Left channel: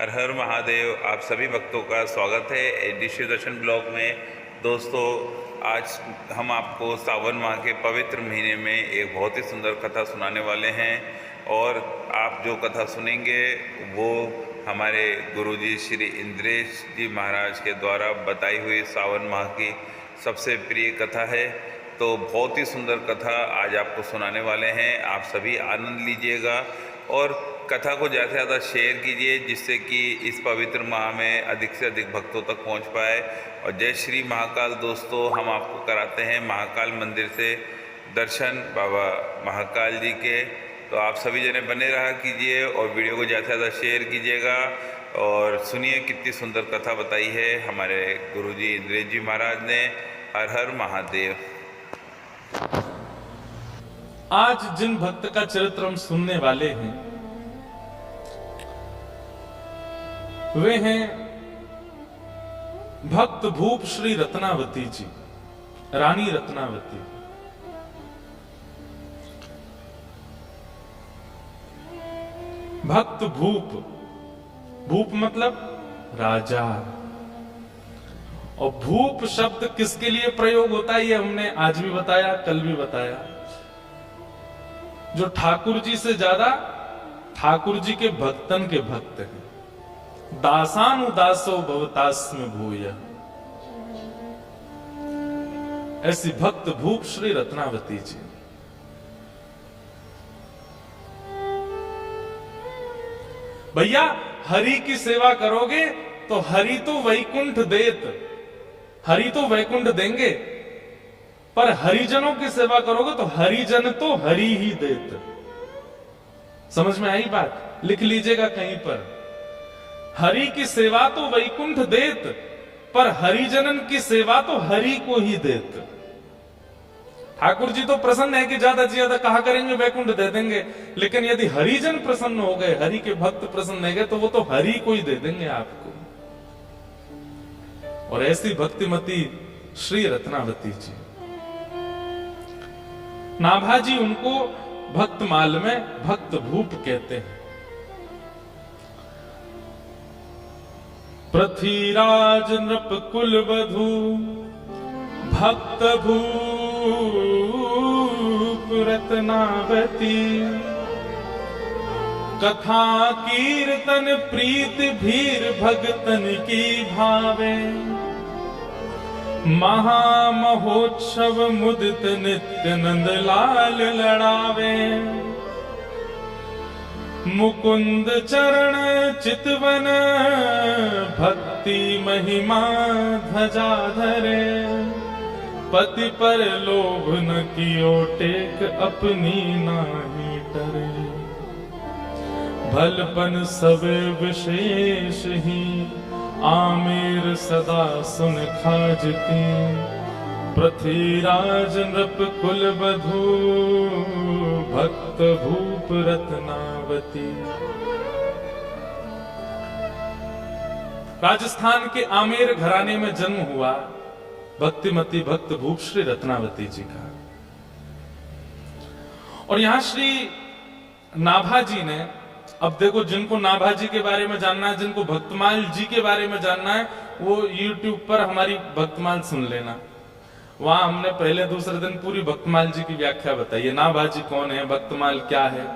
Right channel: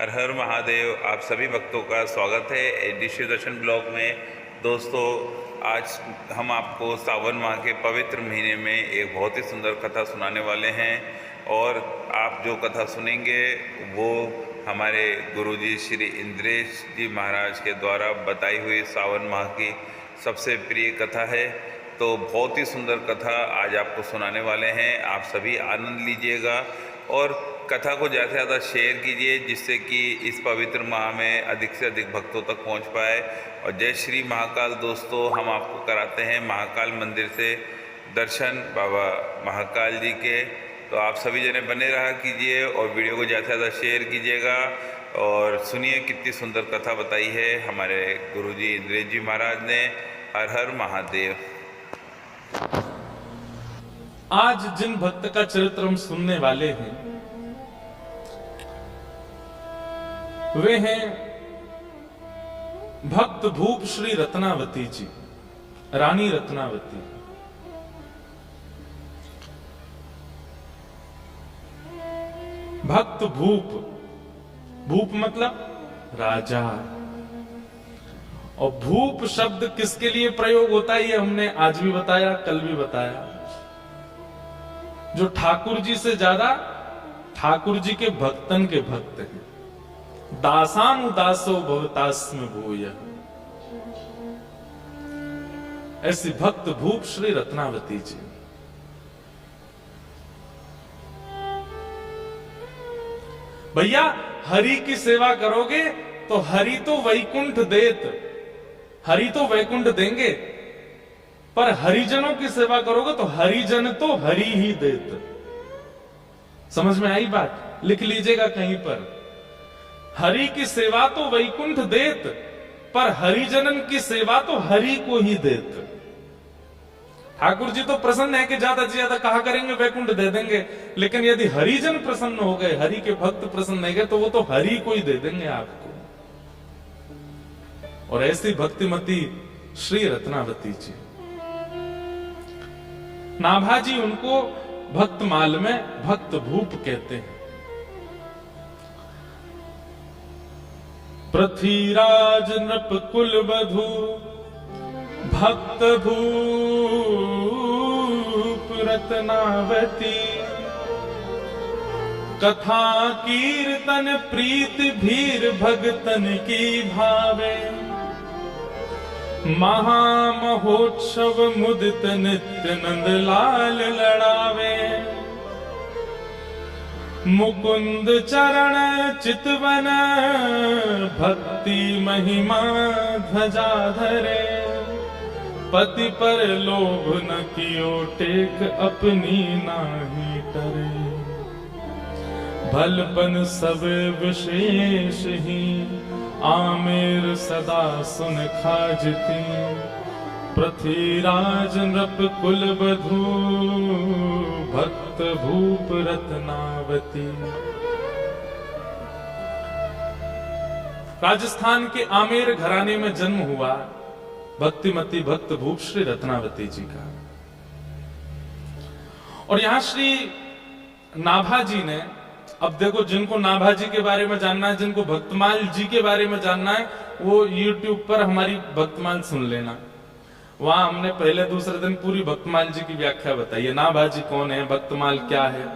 हर हर महादेव। आप सभी भक्तों का स्वागत है एडीसी दर्शन ब्लॉग में। दोस्तों, आज हम आपको सावन माह के पवित्र महीने में एक बहुत ही सुंदर कथा सुनाने वाले हैं और आप जो कथा सुनेंगे वो हमारे गुरुजी श्री इंद्रेश जी महाराज के द्वारा बताई हुई सावन माह की सबसे प्रिय कथा है। तो बहुत ही सुंदर कथा आज आपको सुनाने वाले हैं। आप सभी आनंद लीजिएगा और कथा को ज़्यादा से ज़्यादा शेयर कीजिए, जिससे कि इस पवित्र माह में अधिक से अधिक भक्तों तक पहुंच पाए। और जय श्री महाकाल। दोस्तों, हम आपको कराते हैं महाकाल मंदिर से दर्शन बाबा महाकाल जी के। तो आप सभी जने बने रहा कीजिए और वीडियो को ज़्यादा से ज़्यादा शेयर कीजिएगा और सुनिए कितनी सुंदर कथा बताई है हमारे गुरुजी इंद्रेश जी महाराज ने। हर हर महादेव। आज जिन भक्त का चरित्र हम सुनने वाले हैं वे हैं भक्त भूप श्री रत्नावती जी, रानी रत्नावती। भक्त भूप, भूप मतलब राजा। और भूप शब्द किसके लिए प्रयोग होता है ये हमने आज भी बताया, कल भी बताया। जो ठाकुर जी से ज्यादा ठाकुर जी के भक्तन के भक्त हैं। दासानुदासो भवतास्म भूय, ऐसी भक्त भूप श्री रत्नावती जी। भैया, हरि की सेवा करोगे तो हरि तो वैकुंठ देत, हरि तो वैकुंठ देंगे, पर हरिजनों की सेवा करोगे तो हरिजन तो हरि ही देत। समझ में आई बात? लिख लीजिएगा कहीं पर। हरि की सेवा तो वैकुंठ देत, पर हरिजनन की सेवा तो हरि को ही देत। ठाकुर जी तो प्रसन्न है कि ज्यादा से ज्यादा कहा करेंगे वैकुंठ दे देंगे, लेकिन यदि हरिजन प्रसन्न हो गए, हरि के भक्त प्रसन्न हो गए, तो वो तो हरि को ही दे देंगे आपको। और ऐसी भक्तिमती श्री रत्नावती जी, नाभाजी उनको भक्तमाल में भक्त भूप कहते हैं। पृथ्वीराज नृप कुल वधू भक्त भूप रत्नावती, कथा कीर्तन प्रीत भीर भगतन की भावे, महामहोत्सव मुदित नित्य नंद लाल लड़ावे, मुकुंद चरण चितवन भक्ति महिमा ध्वजा धरे, पति पर लोभ न कियो टेक अपनी नाही टरे, भलपन सब विशेष ही आमेर सदा सुन खाजती, पृथ्वीराज नृप कुल बधू भक्त भूप रत्नावती। राजस्थान के आमेर घराने में जन्म हुआ भक्तिमती भक्त भूप श्री रत्नावती जी का। और यहां श्री नाभाजी ने, अब देखो, जिनको नाभाजी के बारे में जानना है, जिनको भक्तमाल जी के बारे में जानना है, वो YouTube पर हमारी भक्तमाल सुन लेना। वहां हमने पहले दूसरे दिन पूरी भक्तमाल जी की व्याख्या बताई है। नाभाजी कौन है, भक्तमाल क्या है।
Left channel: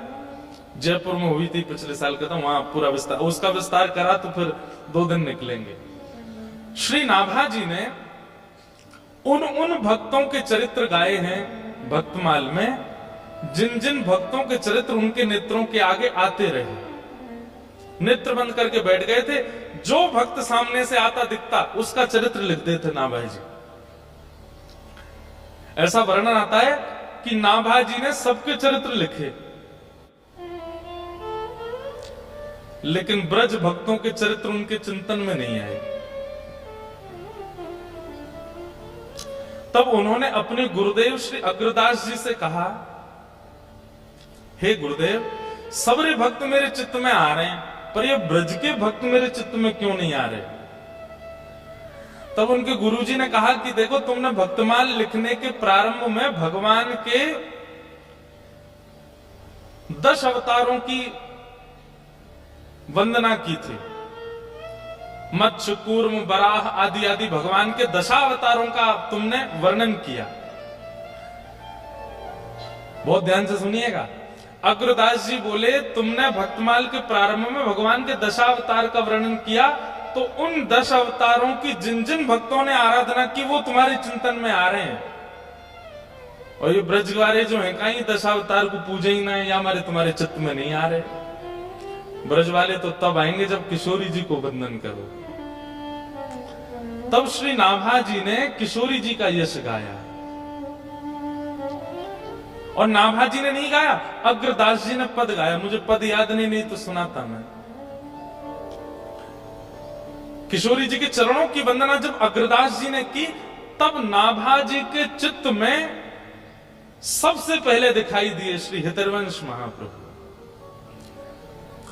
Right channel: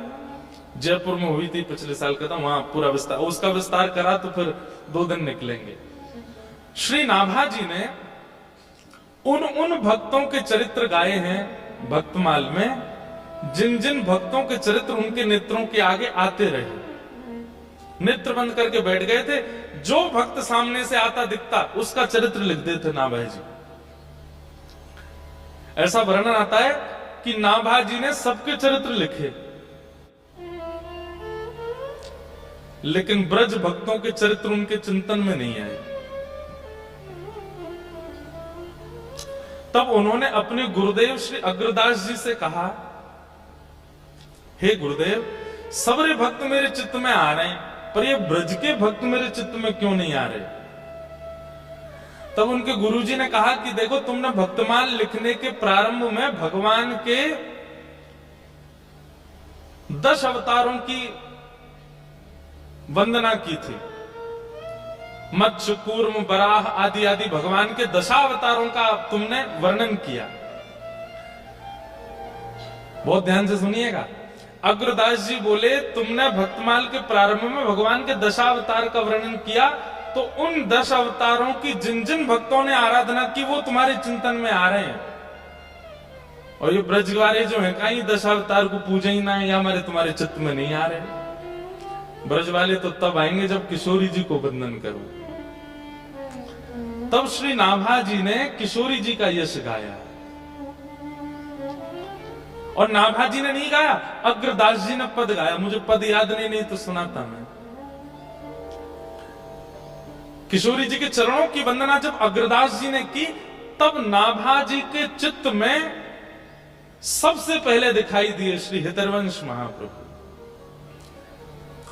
जयपुर में हुई थी पिछले साल का, वहां पूरा विस्तार, उसका विस्तार करा तो फिर 2 दिन निकलेंगे। श्री नाभाजी ने उन भक्तों के चरित्र गाए हैं भक्तमाल में, जिन जिन भक्तों के चरित्र उनके नेत्रों के आगे आते रहे, नेत्र बंद करके बैठ गए थे। जो भक्त सामने से आता दिखता उसका चरित्र लिख देते नाभाजी। ऐसा वर्णन आता है कि नाभाजी ने सबके चरित्र लिखे, लेकिन ब्रज भक्तों के चरित्र उनके चिंतन में नहीं आए। तब उन्होंने अपने गुरुदेव श्री अग्रदास जी से कहा, हे गुरुदेव, सबरे भक्त मेरे चित्त में आ रहे हैं, पर ये ब्रज के भक्त मेरे चित्त में क्यों नहीं आ रहे? तब उनके गुरुजी ने कहा कि देखो, तुमने भक्तमाल लिखने के प्रारंभ में भगवान के 10 अवतारों की वंदना की थी, मत्स्य, कूर्म, बराह आदि आदि भगवान के दशावतारों का तुमने वर्णन किया। बहुत ध्यान से सुनिएगा। अग्रदास जी बोले तुमने भक्तमाल के प्रारंभ में भगवान के दशावतार का वर्णन किया, तो उन 10 अवतारों की जिन जिन भक्तों ने आराधना की वो तुम्हारे चिंतन में आ रहे हैं। और ये ब्रजवारे जो है कहीं 10 अवतार को पूजे ही ना है, या हमारे तुम्हारे चित्त में नहीं आ रहे। ब्रज वाले तो तब आएंगे जब किशोरी जी को वंदन करो। तब श्री नाभा जी ने किशोरी जी का यश गाया, और नाभा जी ने नहीं गाया, अग्रदास जी ने पद गाया। मुझे पद याद नहीं तो सुनाता मैं। किशोरी जी के चरणों की वंदना जब अग्रदास जी ने की, तब नाभा जी के चित्त में सबसे पहले दिखाई दिए श्री हितरवंश महाप्रभु।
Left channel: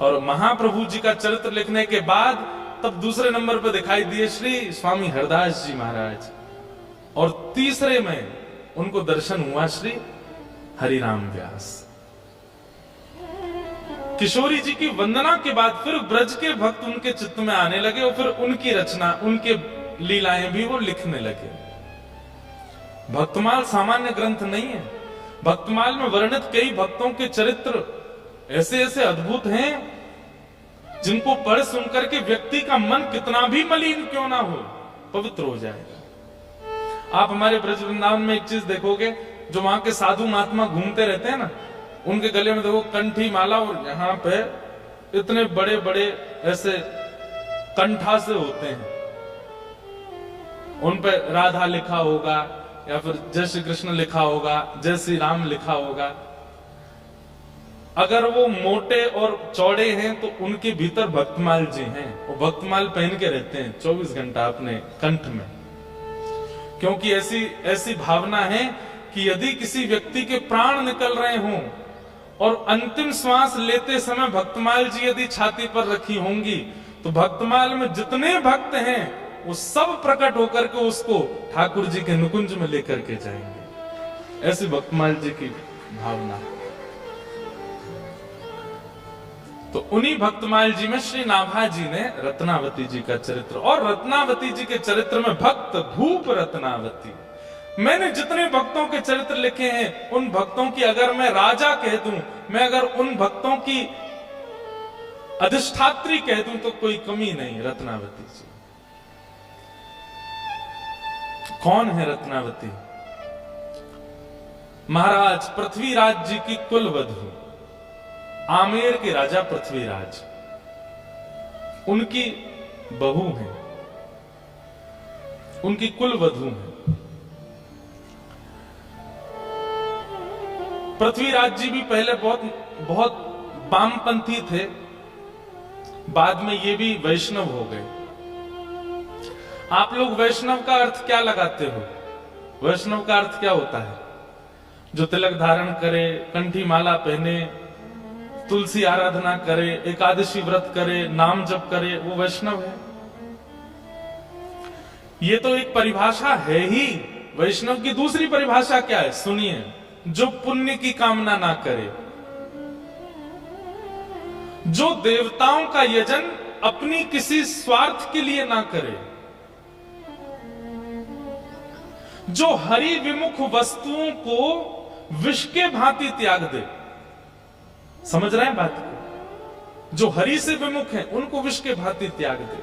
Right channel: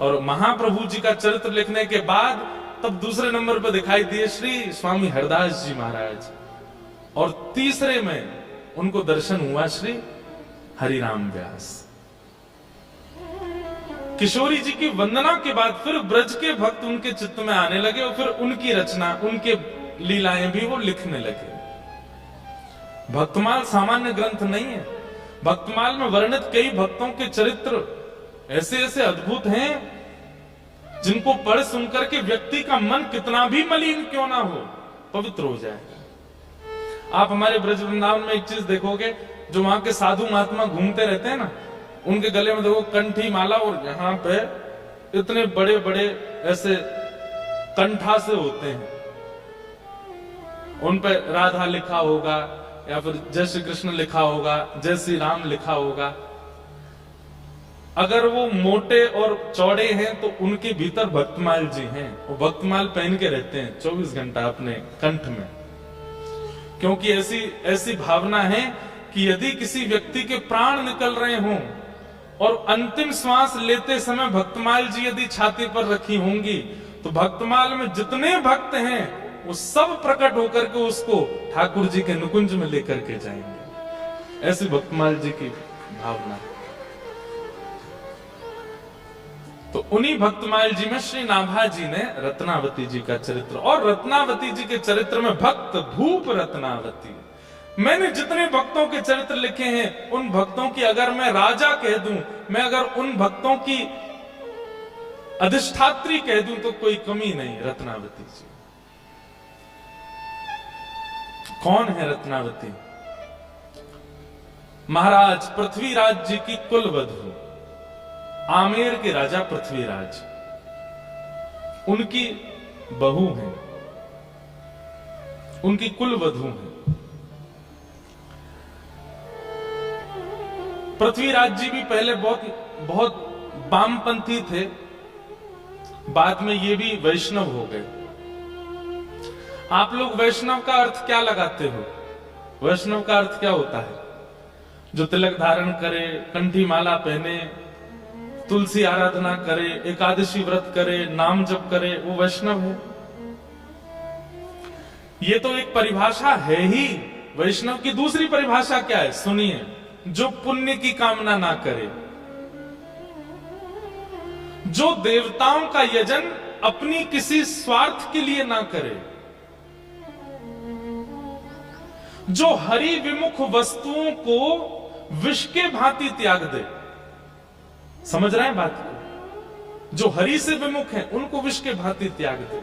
और महाप्रभु जी का चरित्र लिखने के बाद तब दूसरे नंबर पर दिखाई दिए श्री स्वामी हरदास जी महाराज, और तीसरे में उनको दर्शन हुआ श्री हरिराम व्यास। किशोरी जी की वंदना के बाद फिर ब्रज के भक्त उनके चित्त में आने लगे, और फिर उनकी रचना, उनके लीलाएं भी वो लिखने लगे। भक्तमाल सामान्य ग्रंथ नहीं है। भक्तमाल में वर्णित कई भक्तों के चरित्र ऐसे ऐसे अद्भुत हैं जिनको पढ़ सुनकर के व्यक्ति का मन कितना भी मलिन क्यों ना हो, पवित्र हो जाएगा। आप हमारे ब्रज वृंदावन में एक चीज देखोगे, जो वहां के साधु महात्मा घूमते रहते हैं ना, उनके गले में देखो कंठी माला, और यहां पे इतने बड़े बड़े ऐसे कंठा से होते हैं, उन पे राधा लिखा होगा, या फिर जय श्री कृष्ण लिखा होगा, जय श्री राम लिखा होगा। अगर वो मोटे और चौड़े हैं तो उनके भीतर भक्तमाल जी हैं, वो भक्तमाल पहन के रहते हैं 24 घंटा अपने कंठ में, क्योंकि ऐसी भावना है कि यदि किसी व्यक्ति के प्राण निकल रहे हों और अंतिम श्वास लेते समय भक्तमाल जी यदि छाती पर रखी होंगी, तो भक्तमाल में जितने भक्त हैं वो सब प्रकट होकर के उसको ठाकुर जी के नुकुंज में लेकर के जाएंगे। ऐसी भक्तमाल जी की भावना। तो उन्हीं भक्तमाल जी में श्री नाभा जी ने रत्नावती जी का चरित्र, और रत्नावती जी के चरित्र में भक्त भूप रत्नावती। मैंने जितने भक्तों के चरित्र लिखे हैं, उन भक्तों की अगर मैं राजा कह दूं, मैं अगर उन भक्तों की अधिष्ठात्री कह दूं तो कोई कमी नहीं। रत्नावती जी कौन है? रत्नावती महाराज पृथ्वीराज जी की कुलवधु, आमेर के राजा पृथ्वीराज, उनकी बहू हैं, उनकी कुलवधु हैं। पृथ्वीराज जी भी पहले बहुत वामपंथी थे, बाद में ये भी वैष्णव हो गए। आप लोग वैष्णव का अर्थ क्या लगाते हो? वैष्णव का अर्थ क्या होता है? जो तिलक धारण करे, कंठी माला पहने, तुलसी आराधना करे, एकादशी व्रत करे, नाम जप करे, वो वैष्णव है। ये तो एक परिभाषा है ही। वैष्णव की दूसरी परिभाषा क्या है? सुनिए, जो पुण्य की कामना ना करे, जो देवताओं का यजन अपनी किसी स्वार्थ के लिए ना करे, जो हरि विमुख वस्तुओं को विष के भांति त्याग दे। समझ रहे हैं बात को? जो हरि से विमुख हैं उनको विष के भांति त्याग दे।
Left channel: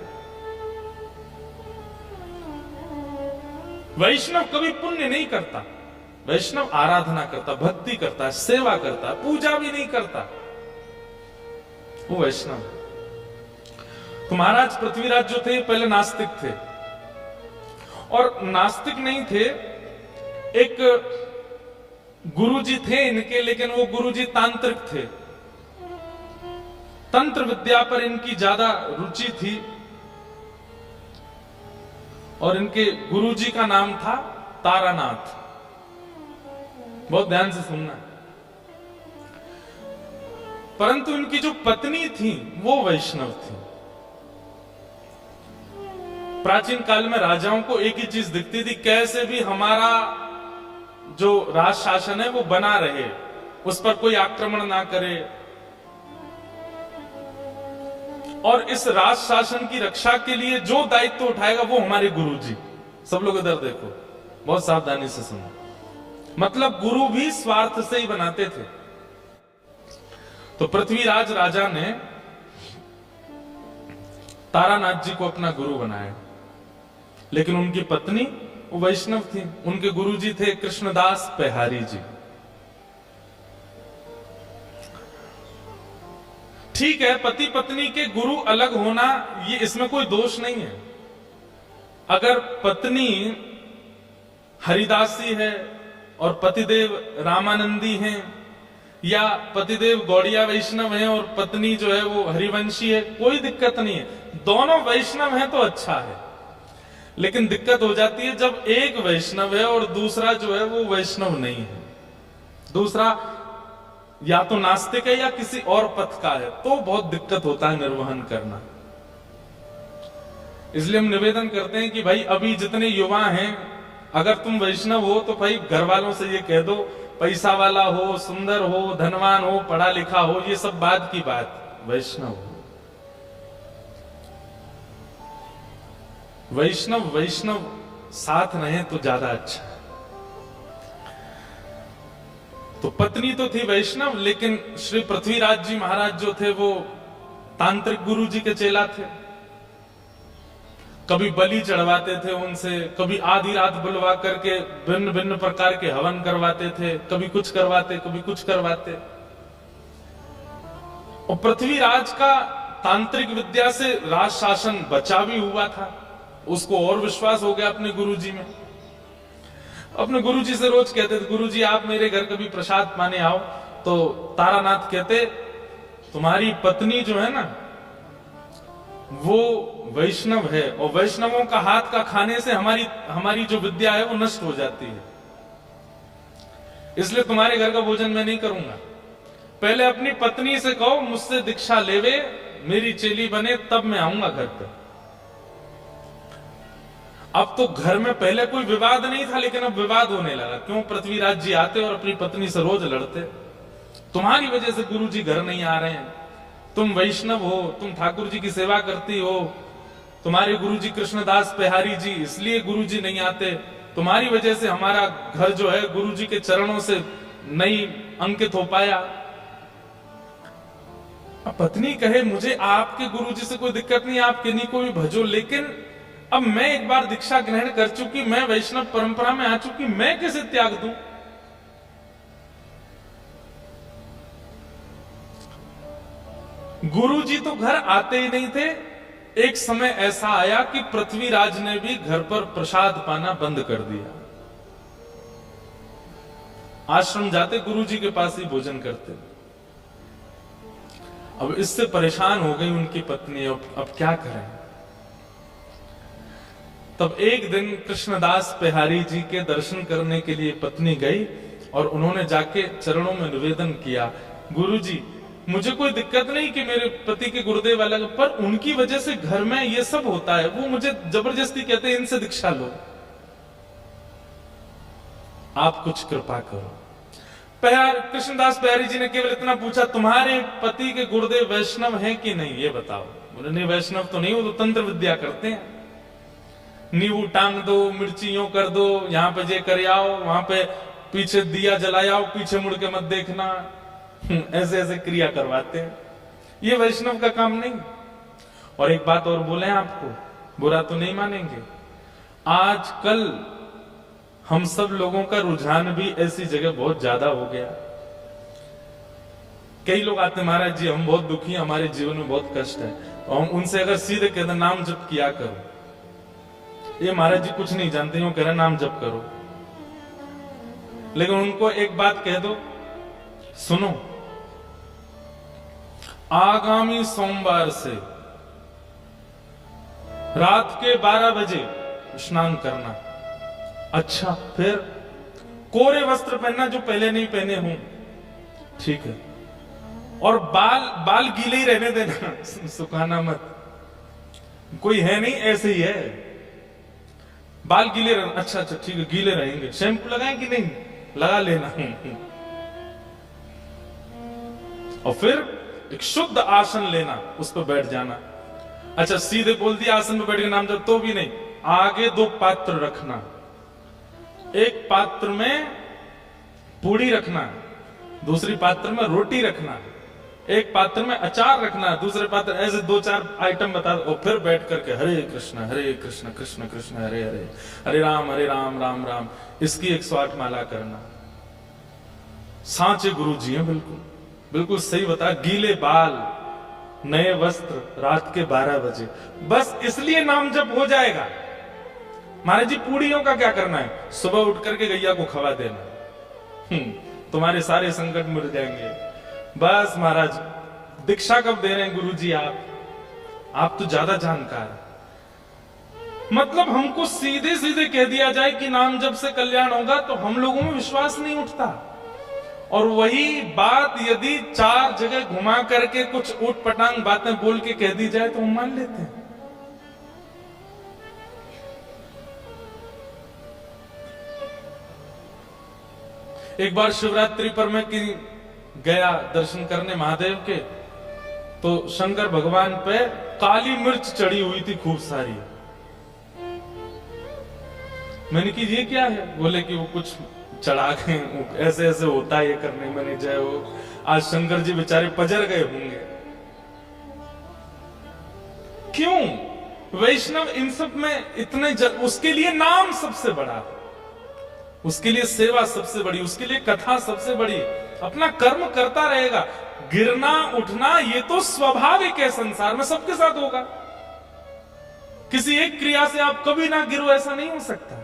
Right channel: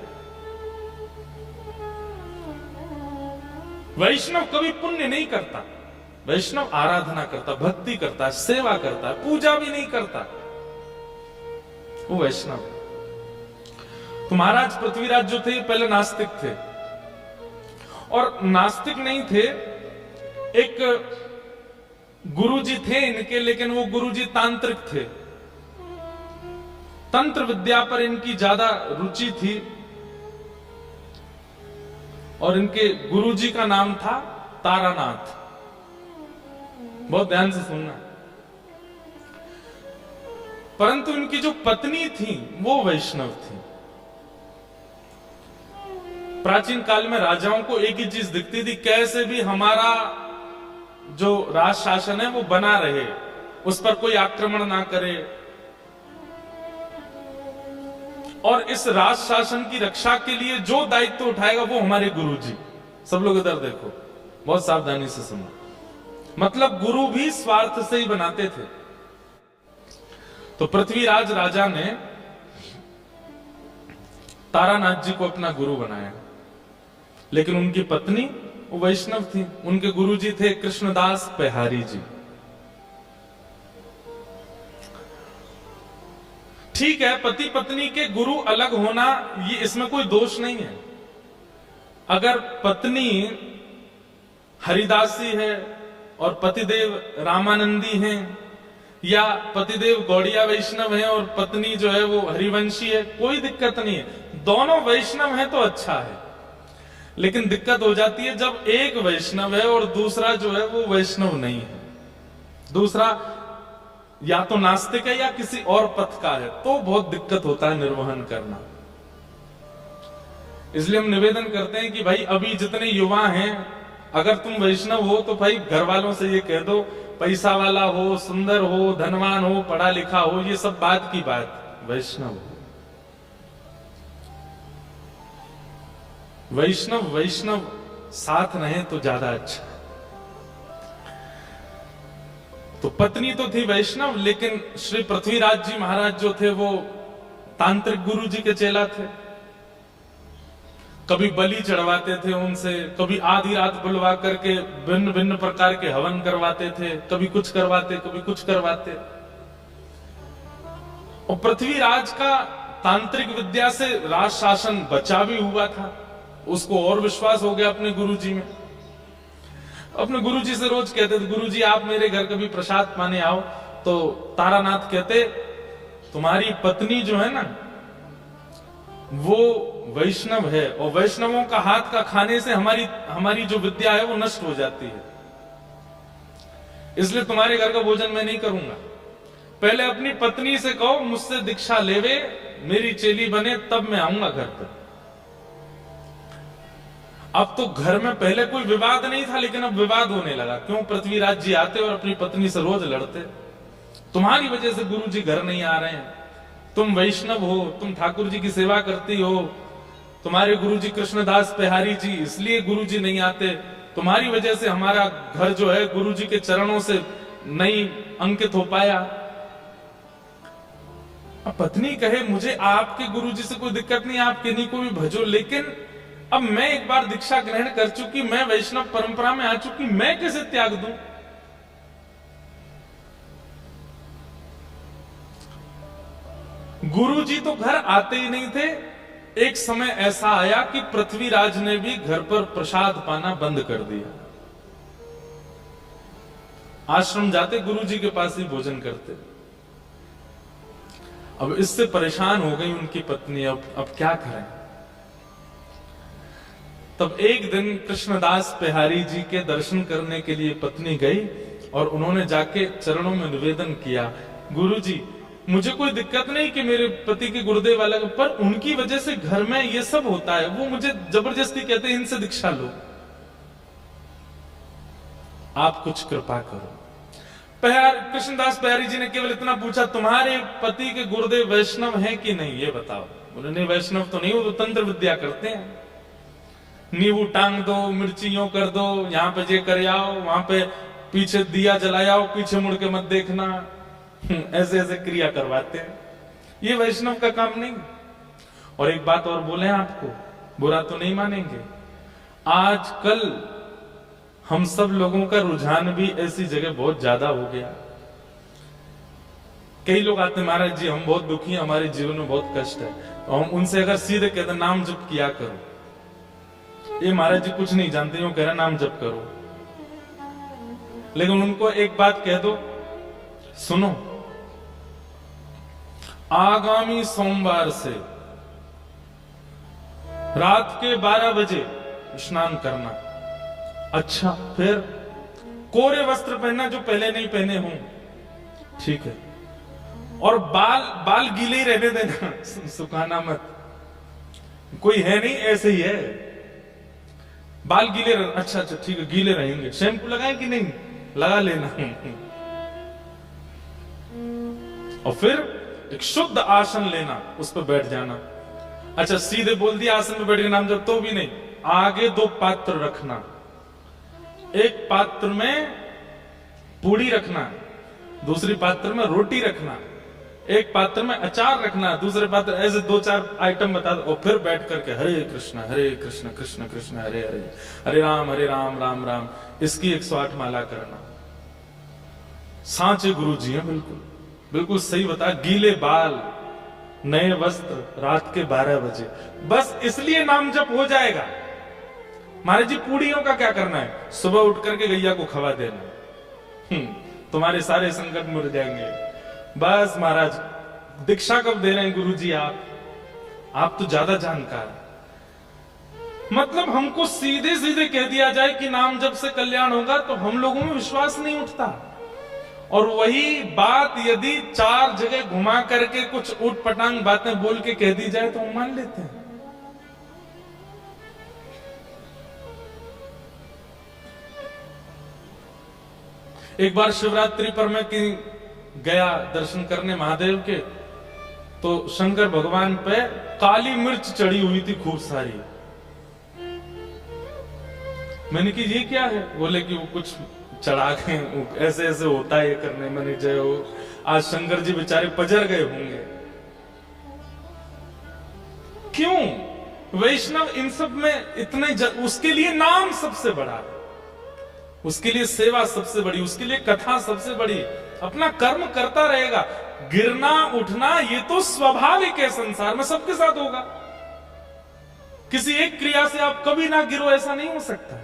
वैष्णव कभी पुण्य नहीं करता। वैष्णव आराधना करता, भक्ति करता, सेवा करता, पूजा भी नहीं करता, वो वैष्णव। तो महाराज पृथ्वीराज जो थे पहले नास्तिक थे, और नास्तिक नहीं थे, एक गुरुजी थे इनके, लेकिन वो गुरुजी तांत्रिक थे। तंत्र विद्या पर इनकी ज्यादा रुचि थी, और इनके गुरुजी का नाम था तारानाथ। बहुत ध्यान से सुनना। परंतु इनकी जो पत्नी थी वो वैष्णव थी। प्राचीन काल में राजाओं को एक ही चीज दिखती थी, कैसे भी हमारा जो राज शासन है वो बना रहे, उस पर कोई आक्रमण ना करे, और इस राज शासन की रक्षा के लिए जो दायित्व उठाएगा वो हमारे गुरु जी। सब लोग इधर देखो, बहुत सावधानी से सुनो। मतलब गुरु भी स्वार्थ से ही बनाते थे। तो पृथ्वीराज राजा ने तारानाथ जी को अपना गुरु बनाया, लेकिन उनकी पत्नी वो वैष्णव थी। उनके गुरु जी थे कृष्णदास पेहारी जी। ठीक है, पति पत्नी के गुरु अलग होना ये इसमें कोई दोष नहीं है। अगर पत्नी हरिदासी है और पतिदेव रामानंदी हैं, या पतिदेव गौड़िया वैष्णव हैं और पत्नी जो है वो हरिवंशी है, कोई दिक्कत नहीं है। दोनों वैष्णव हैं तो अच्छा है। लेकिन दिक्कत हो जाती है जब एक वैष्णव है और दूसरा जो है वो वैष्णव नहीं है, दूसरा या तो नास्तिक है या किसी और पथ का है, तो बहुत दिक्कत होता है निर्वहन करना। इसलिए हम निवेदन करते हैं कि भाई अभी जितने युवा हैं, अगर तुम वैष्णव हो तो भाई घर वालों से ये कह दो, पैसा वाला हो, सुंदर हो, धनवान हो, पढ़ा लिखा हो, ये सब बात की बात, वैष्णव हो। वैष्णव साथ रहे तो ज्यादा अच्छा। तो पत्नी तो थी वैष्णव, लेकिन श्री पृथ्वीराज जी महाराज जो थे वो तांत्रिक गुरु जी के चेला थे। कभी बलि चढ़वाते थे उनसे, कभी आधी रात बुलवा करके भिन्न भिन्न प्रकार के हवन करवाते थे, कभी कुछ करवाते कभी कुछ करवाते। और पृथ्वीराज का तांत्रिक विद्या से राज शासन बचा भी हुआ था। उसको और विश्वास हो गया अपने गुरुजी में। अपने गुरुजी से रोज कहते थे, गुरुजी आप मेरे घर कभी प्रसाद पाने आओ। तो तारानाथ कहते, तुम्हारी पत्नी जो है ना वो वैष्णव है, और वैष्णवों का हाथ का खाने से हमारी जो विद्या है वो नष्ट हो जाती है, इसलिए तुम्हारे घर का भोजन मैं नहीं करूंगा। पहले अपनी पत्नी से कहो मुझसे दीक्षा लेवे, मेरी चेली बने, तब मैं आऊंगा घर पे। अब तो घर में पहले कोई विवाद नहीं था, लेकिन अब विवाद होने लगा। क्यों? पृथ्वीराज जी आते और अपनी पत्नी से रोज लड़ते, तुम्हारी वजह से गुरु जी घर नहीं आ रहे हैं, तुम वैष्णव हो, तुम ठाकुर जी की सेवा करती हो, तुम्हारे गुरु जी कृष्णदास पेहारी जी इसलिए गुरु जी नहीं आते, तुम्हारी वजह से हमारा घर जो है गुरु जी के चरणों से नहीं अंकित हो पाया। अब पत्नी कहे मुझे आपके गुरु जी से कोई दिक्कत नहीं, आप किन्हीं को भी भजो, लेकिन अब मैं एक बार दीक्षा ग्रहण कर चुकी, मैं वैष्णव परंपरा में आ चुकी, मैं कैसे त्याग दूं? गुरु जी तो घर आते ही नहीं थे। एक समय ऐसा आया कि पृथ्वीराज ने भी घर पर प्रसाद पाना बंद कर दिया। आश्रम जाते गुरु जी के पास ही भोजन करते। अब इससे परेशान हो गई उनकी पत्नी, अब क्या करें? तब एक दिन कृष्णदास पेहारी जी के दर्शन करने के लिए पत्नी गई और उन्होंने जाके चरणों में निवेदन किया, गुरुजी मुझे कोई दिक्कत नहीं कि मेरे पति के गुरुदेव अलग, पर उनकी वजह से घर में ये सब होता है, वो मुझे जबरदस्ती कहते हैं इनसे दीक्षा लो, आप कुछ कृपा करो। कृष्णदास पेहारी जी ने केवल इतना पूछा, तुम्हारे पति के गुरुदेव वैष्णव हैं कि नहीं, ये बताओ। बोले नहीं वैष्णव तो नहीं, वो तो तंत्र विद्या करते हैं, नींबू टांग दो, मिर्ची यूं कर दो, यहाँ पे ये कर आओ, वहां पे पीछे दिया जलाओ, पीछे मुड़ के मत देखना, ऐसे ऐसे क्रिया करवाते हैं, ये वैष्णव का काम नहीं। और एक बात और बोले आपको, बुरा तो नहीं मानेंगे, आजकल हम सब लोगों का रुझान भी ऐसी जगह बहुत ज्यादा हो गया। कई लोग आते महाराज जी हम बहुत दुखी हैं, हमारे जीवन में बहुत कष्ट है, तो हम उनसे अगर सीधे कहते नाम जप किया करो, ये महाराज जी कुछ नहीं जानते, यूं कह रहे नाम जप करो। लेकिन उनको एक बात कह दो, सुनो आगामी सोमवार से रात के 12 बजे स्नान करना। अच्छा, फिर कोरे वस्त्र पहनना जो पहले नहीं पहने हों, ठीक है, और बाल गीले ही रहने देना, सुखाना मत, कोई है नहीं ऐसे ही है, बाल गीले रह, अच्छा ठीक है गीले रहेंगे, शैम्पू लगाएं कि नहीं, लगा लेना। और फिर एक शुद्ध आसन लेना, उस पर बैठ जाना, अच्छा सीधे बोल दिया आसन में बैठ के नाम जप, तो भी नहीं, आगे 2 पात्र रखना। एक पात्र में पूड़ी रखना, दूसरी पात्र में रोटी रखना, एक पात्र में अचार रखना, दूसरे पात्र, ऐसे 2-4 आइटम बता दो, और फिर बैठ करके हरे कृष्ण कृष्ण कृष्ण हरे हरे, हरे राम राम राम, इसकी 108 माला करना। सांचे गुरु जी हैं, बिल्कुल बिल्कुल सही बता। गीले बाल, नए वस्त्र, रात के 12 बजे, बस इसलिए नाम जप हो जाएगा। महाराज जी पूड़ियों का क्या करना है? सुबह उठ करके गैया को खवा देना, तुम्हारे सारे संकट मिट जाएंगे। बस महाराज, दीक्षा कब दे रहे हैं गुरु जी आप तो ज्यादा जानकार। मतलब हमको सीधे सीधे कह दिया जाए कि नाम जप से कल्याण होगा, तो हम लोगों में विश्वास नहीं उठता। और वही बात यदि 4 जगह घुमा करके कुछ ऊट पटांग बातें बोल के कह दी जाए तो हम मान लेते हैं। एक बार शिवरात्रि पर मैं गया दर्शन करने महादेव के, तो शंकर भगवान पे काली मिर्च चढ़ी हुई थी खूब सारी। मैंने कि ये क्या है? बोले कि वो कुछ चढ़ा के ऐसे ऐसे होता है ये करने। मैंने जय हो, आज शंकर जी बेचारे पजर गए होंगे। क्यों? वैष्णव इन सब में इतने उसके लिए नाम सबसे बड़ा है, उसके लिए सेवा सबसे बड़ी, उसके लिए कथा सबसे बड़ी। अपना कर्म करता रहेगा। गिरना उठना ये तो स्वाभाविक है, संसार में सबके साथ होगा। किसी एक क्रिया से आप कभी ना गिरो, ऐसा नहीं हो सकता।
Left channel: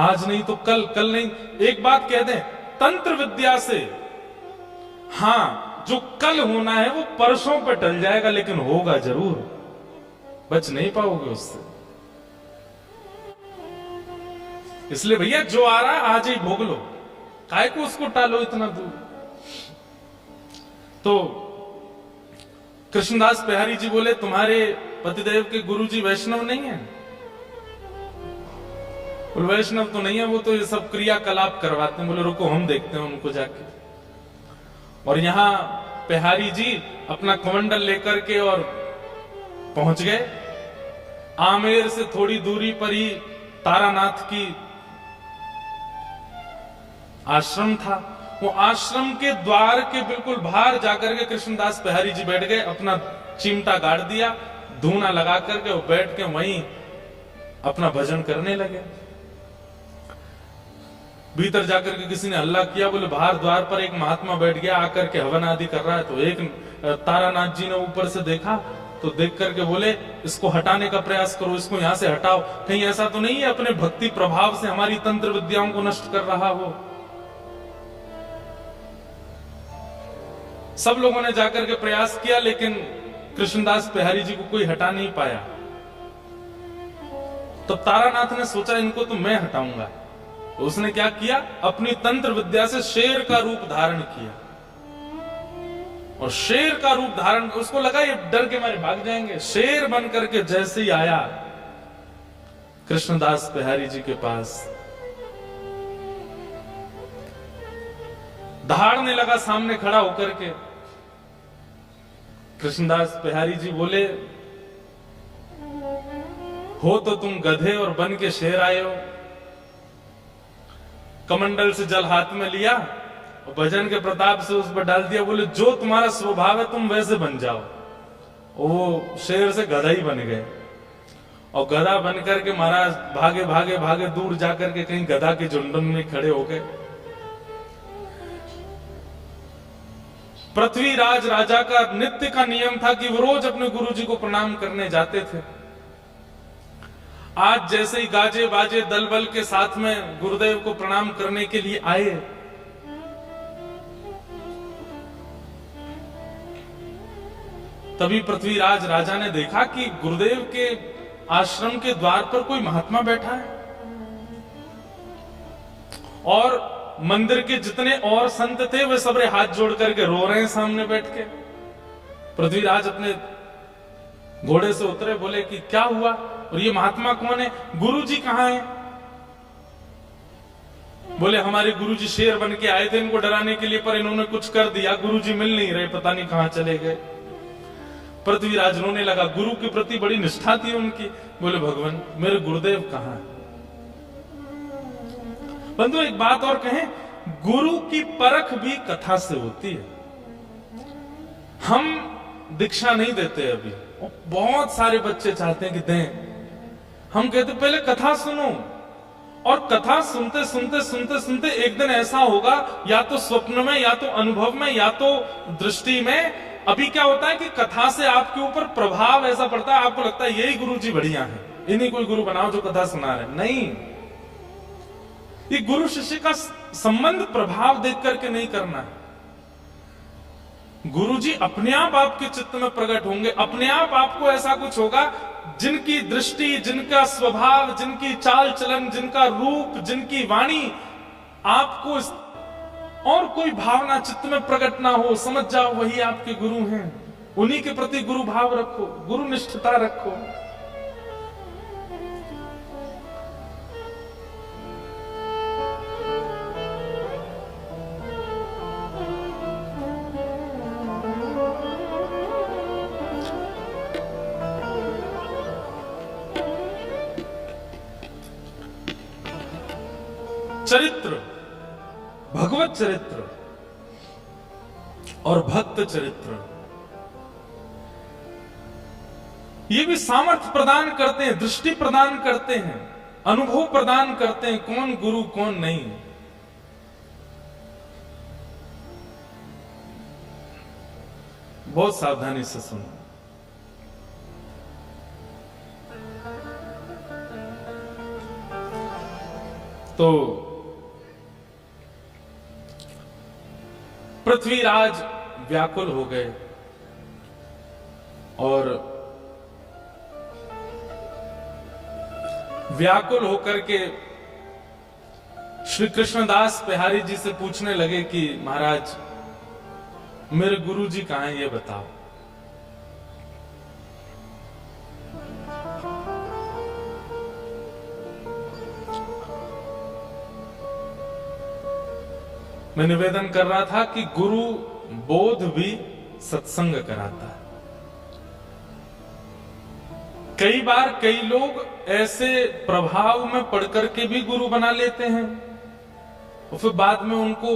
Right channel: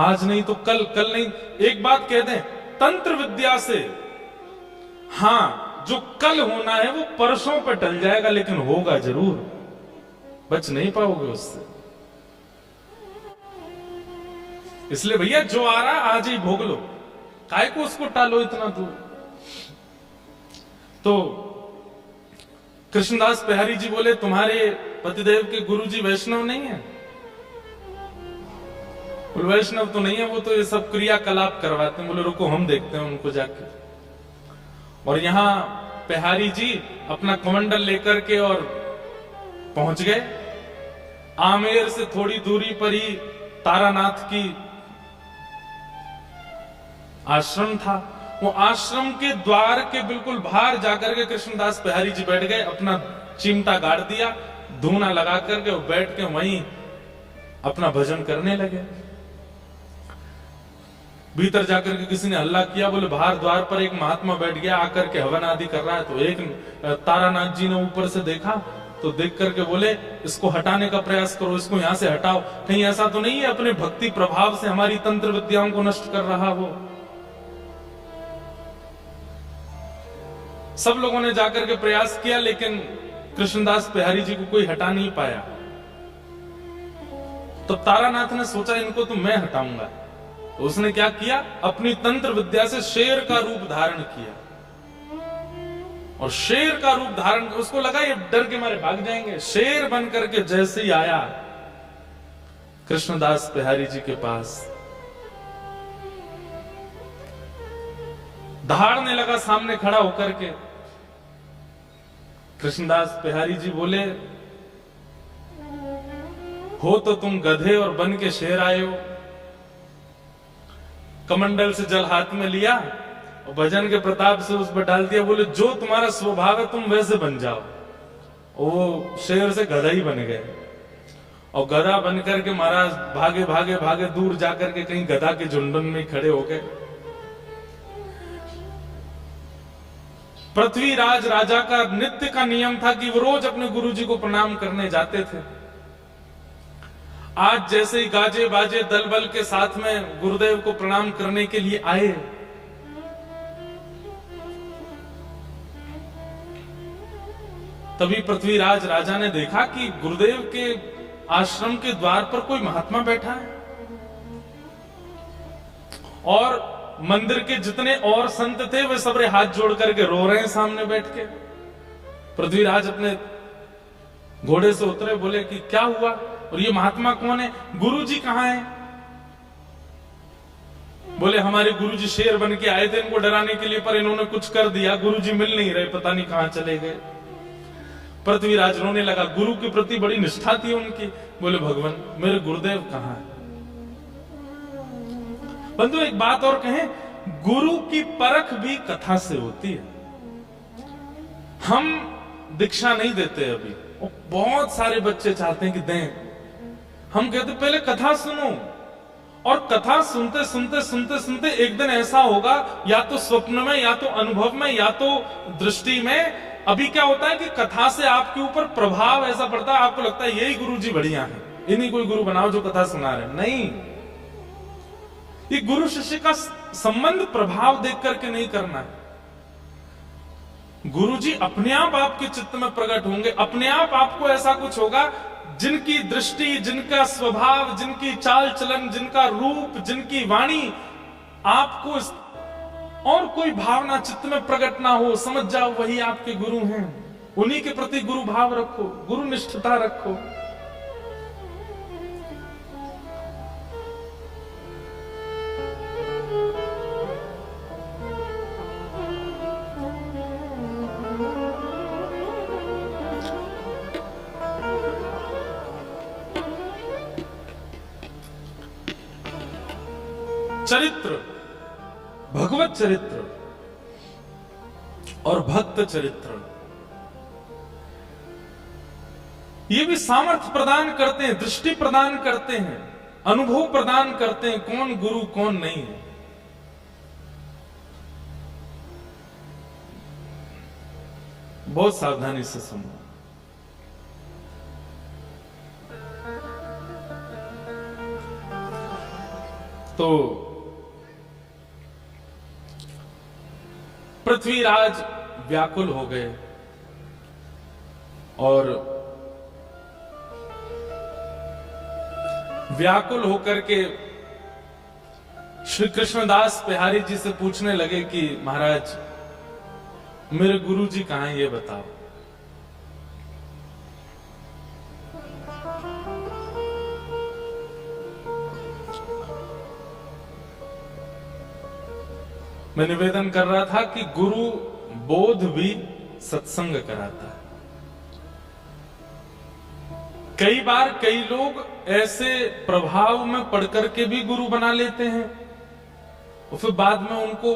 आज नहीं तो कल, कल नहीं। एक बात कह दें, तंत्र विद्या से हां जो कल होना है वो परसों पे टल जाएगा, लेकिन होगा जरूर, बच नहीं पाओगे उससे। इसलिए भैया जो आ रहा है आज ही भोग लो, काय को उसको टालो इतना दूर। तो कृष्णदास बिहारी जी बोले, तुम्हारे पतिदेव के गुरुजी वैष्णव नहीं है? बोले वैष्णव तो नहीं है, वो तो ये सब क्रियाकलाप करवाते हैं। बोले रुको हम देखते हैं उनको जाके। और यहां बिहारी जी अपना कमंडल लेकर के और पहुंच गए। आमेर से थोड़ी दूरी पर ही तारानाथ की आश्रम था। वो आश्रम के द्वार के बिल्कुल बाहर जाकर के कृष्णदास बिहारी जी बैठ गए, अपना चिमटा गाड़ दिया, धूना लगा करके वो बैठ के वहीं अपना भजन करने लगे। भीतर जाकर के किसी ने हल्ला किया, बोले बाहर द्वार पर एक महात्मा बैठ गया, आकर के हवन आदि कर रहा है। तो एक तारानाथ जी ने ऊपर से देखा, तो देख करके बोले इसको हटाने का प्रयास करो, इसको यहां से हटाओ, कहीं ऐसा तो नहीं है अपने भक्ति प्रभाव से हमारी तंत्र विद्याओं को नष्ट कर रहा हो। सब लोगों ने जाकर के प्रयास किया, लेकिन कृष्णदास बिहारी जी को कोई हटा नहीं पाया। तो तारानाथ ने सोचा इनको तो मैं हटाऊंगा। तो उसने क्या किया, अपनी तंत्र विद्या से शेर का रूप धारण किया। और शेर का रूप धारण, उसको लगा ये डर के मारे भाग जाएंगे। शेर बन करके जैसे ही आया कृष्णदास बिहारी जी के पास, दहाड़ने लगा सामने खड़ा होकर के। कृष्णदास बिहारी जी बोले, हो तो तुम गधे और बन के शेर आए हो। कमंडल से जल हाथ में लिया और भजन के प्रताप से उस पर डाल दिया। बोले जो तुम्हारा स्वभाव है तुम वैसे बन जाओ। वो शेर से गधा ही बन गए। और गधा बन करके महाराज भागे भागे भागे दूर जाकर के कहीं गधा के झुंडन में खड़े हो गए। पृथ्वीराज राजा का नित्य का नियम था कि वो रोज अपने गुरुजी को प्रणाम करने जाते थे। आज जैसे ही गाजे बाजे दल बल के साथ में गुरुदेव को प्रणाम करने के लिए आए, तभी पृथ्वीराज राजा ने देखा कि गुरुदेव के आश्रम के द्वार पर कोई महात्मा बैठा है और मंदिर के जितने और संत थे वे सबरे हाथ जोड़ करके रो रहे हैं सामने बैठ के। पृथ्वीराज अपने घोड़े से उतरे, बोले कि क्या हुआ और ये महात्मा कौन है, गुरुजी कहां है? बोले हमारे गुरुजी शेर बन के आए थे इनको डराने के लिए, पर इन्होंने कुछ कर दिया, गुरुजी मिल नहीं रहे, पता नहीं कहां चले गए। पृथ्वीराज रोने लगा, गुरु के प्रति बड़ी निष्ठा थी उनकी। बोले भगवान मेरे गुरुदेव कहां है? बंधु एक बात और कहें, गुरु की परख भी कथा से होती है। हम दीक्षा नहीं देते अभी, और बहुत सारे बच्चे चाहते हैं कि दें। हम कहते पहले कथा सुनो, और कथा सुनते सुनते सुनते सुनते एक दिन ऐसा होगा, या तो स्वप्न में, या तो अनुभव में, या तो दृष्टि में। अभी क्या होता है कि कथा से आपके ऊपर प्रभाव ऐसा पड़ता है, आपको लगता है यही गुरु जी बढ़िया है, इन्हीं कोई गुरु बनाओ जो कथा सुना रहे। नहीं, ये गुरु शिष्य का संबंध प्रभाव देख करके नहीं करना है। गुरु जी अपने आप आपके चित्त में प्रकट होंगे, अपने आप आपको ऐसा कुछ होगा, जिनकी दृष्टि, जिनका स्वभाव, जिनकी चाल चलन, जिनका रूप, जिनकी वाणी आपको और कोई भावना चित्त में प्रकट ना हो, समझ जाओ वही आपके गुरु हैं। उन्हीं के प्रति गुरु भाव रखो, गुरु निष्ठता रखो। चरित्र, भगवत चरित्र और भक्त चरित्र, ये भी सामर्थ्य प्रदान करते हैं, दृष्टि प्रदान करते हैं, अनुभव प्रदान करते हैं, कौन गुरु कौन नहीं। बहुत सावधानी से सुनो। तो पृथ्वीराज व्याकुल हो गए और व्याकुल होकर के श्री कृष्णदास बिहारी जी से पूछने लगे कि महाराज मेरे गुरु जी कहां हैं, ये बताओ। मैं निवेदन कर रहा था कि गुरु बोध भी सत्संग कराता है। कई बार कई लोग ऐसे प्रभाव में पढ़ करके भी गुरु बना लेते हैं, और फिर बाद में उनको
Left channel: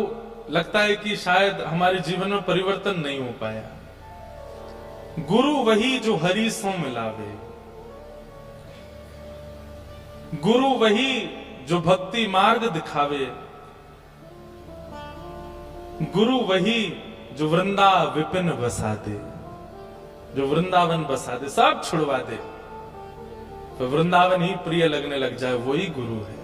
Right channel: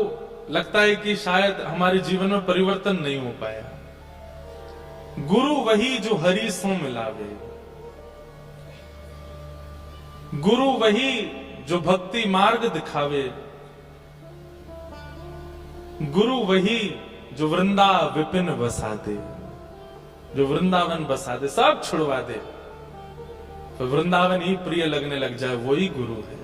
लगता है कि शायद हमारे जीवन में परिवर्तन नहीं हो पाया। गुरु वही जो हरि सो मिलावे, गुरु वही जो भक्ति मार्ग दिखावे, गुरु वही जो वृंदा विपिन बसा दे, जो वृंदावन बसा दे, सब छुड़वा दे, तो वृंदावन ही प्रिय लगने लग जाए, वही गुरु है।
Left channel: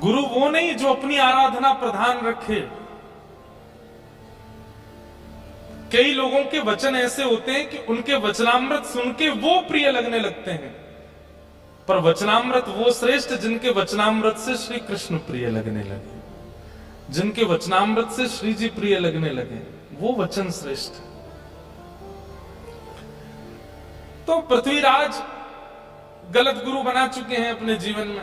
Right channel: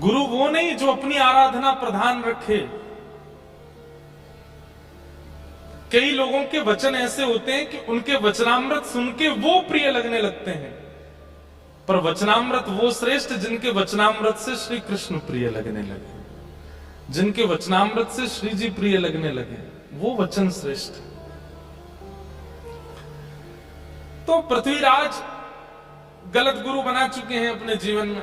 गुरु वो नहीं जो अपनी आराधना प्रधान रखे। कई लोगों के वचन ऐसे होते हैं कि उनके वचनामृत सुन के वो प्रिय लगने लगते हैं, पर वचनामृत वो श्रेष्ठ जिनके वचनामृत से श्री कृष्ण प्रिय लगने लगे, जिनके वचनामृत से श्री जी प्रिय लगने लगे, वो वचन श्रेष्ठ। तो पृथ्वीराज गलत गुरु बना चुके हैं अपने जीवन में।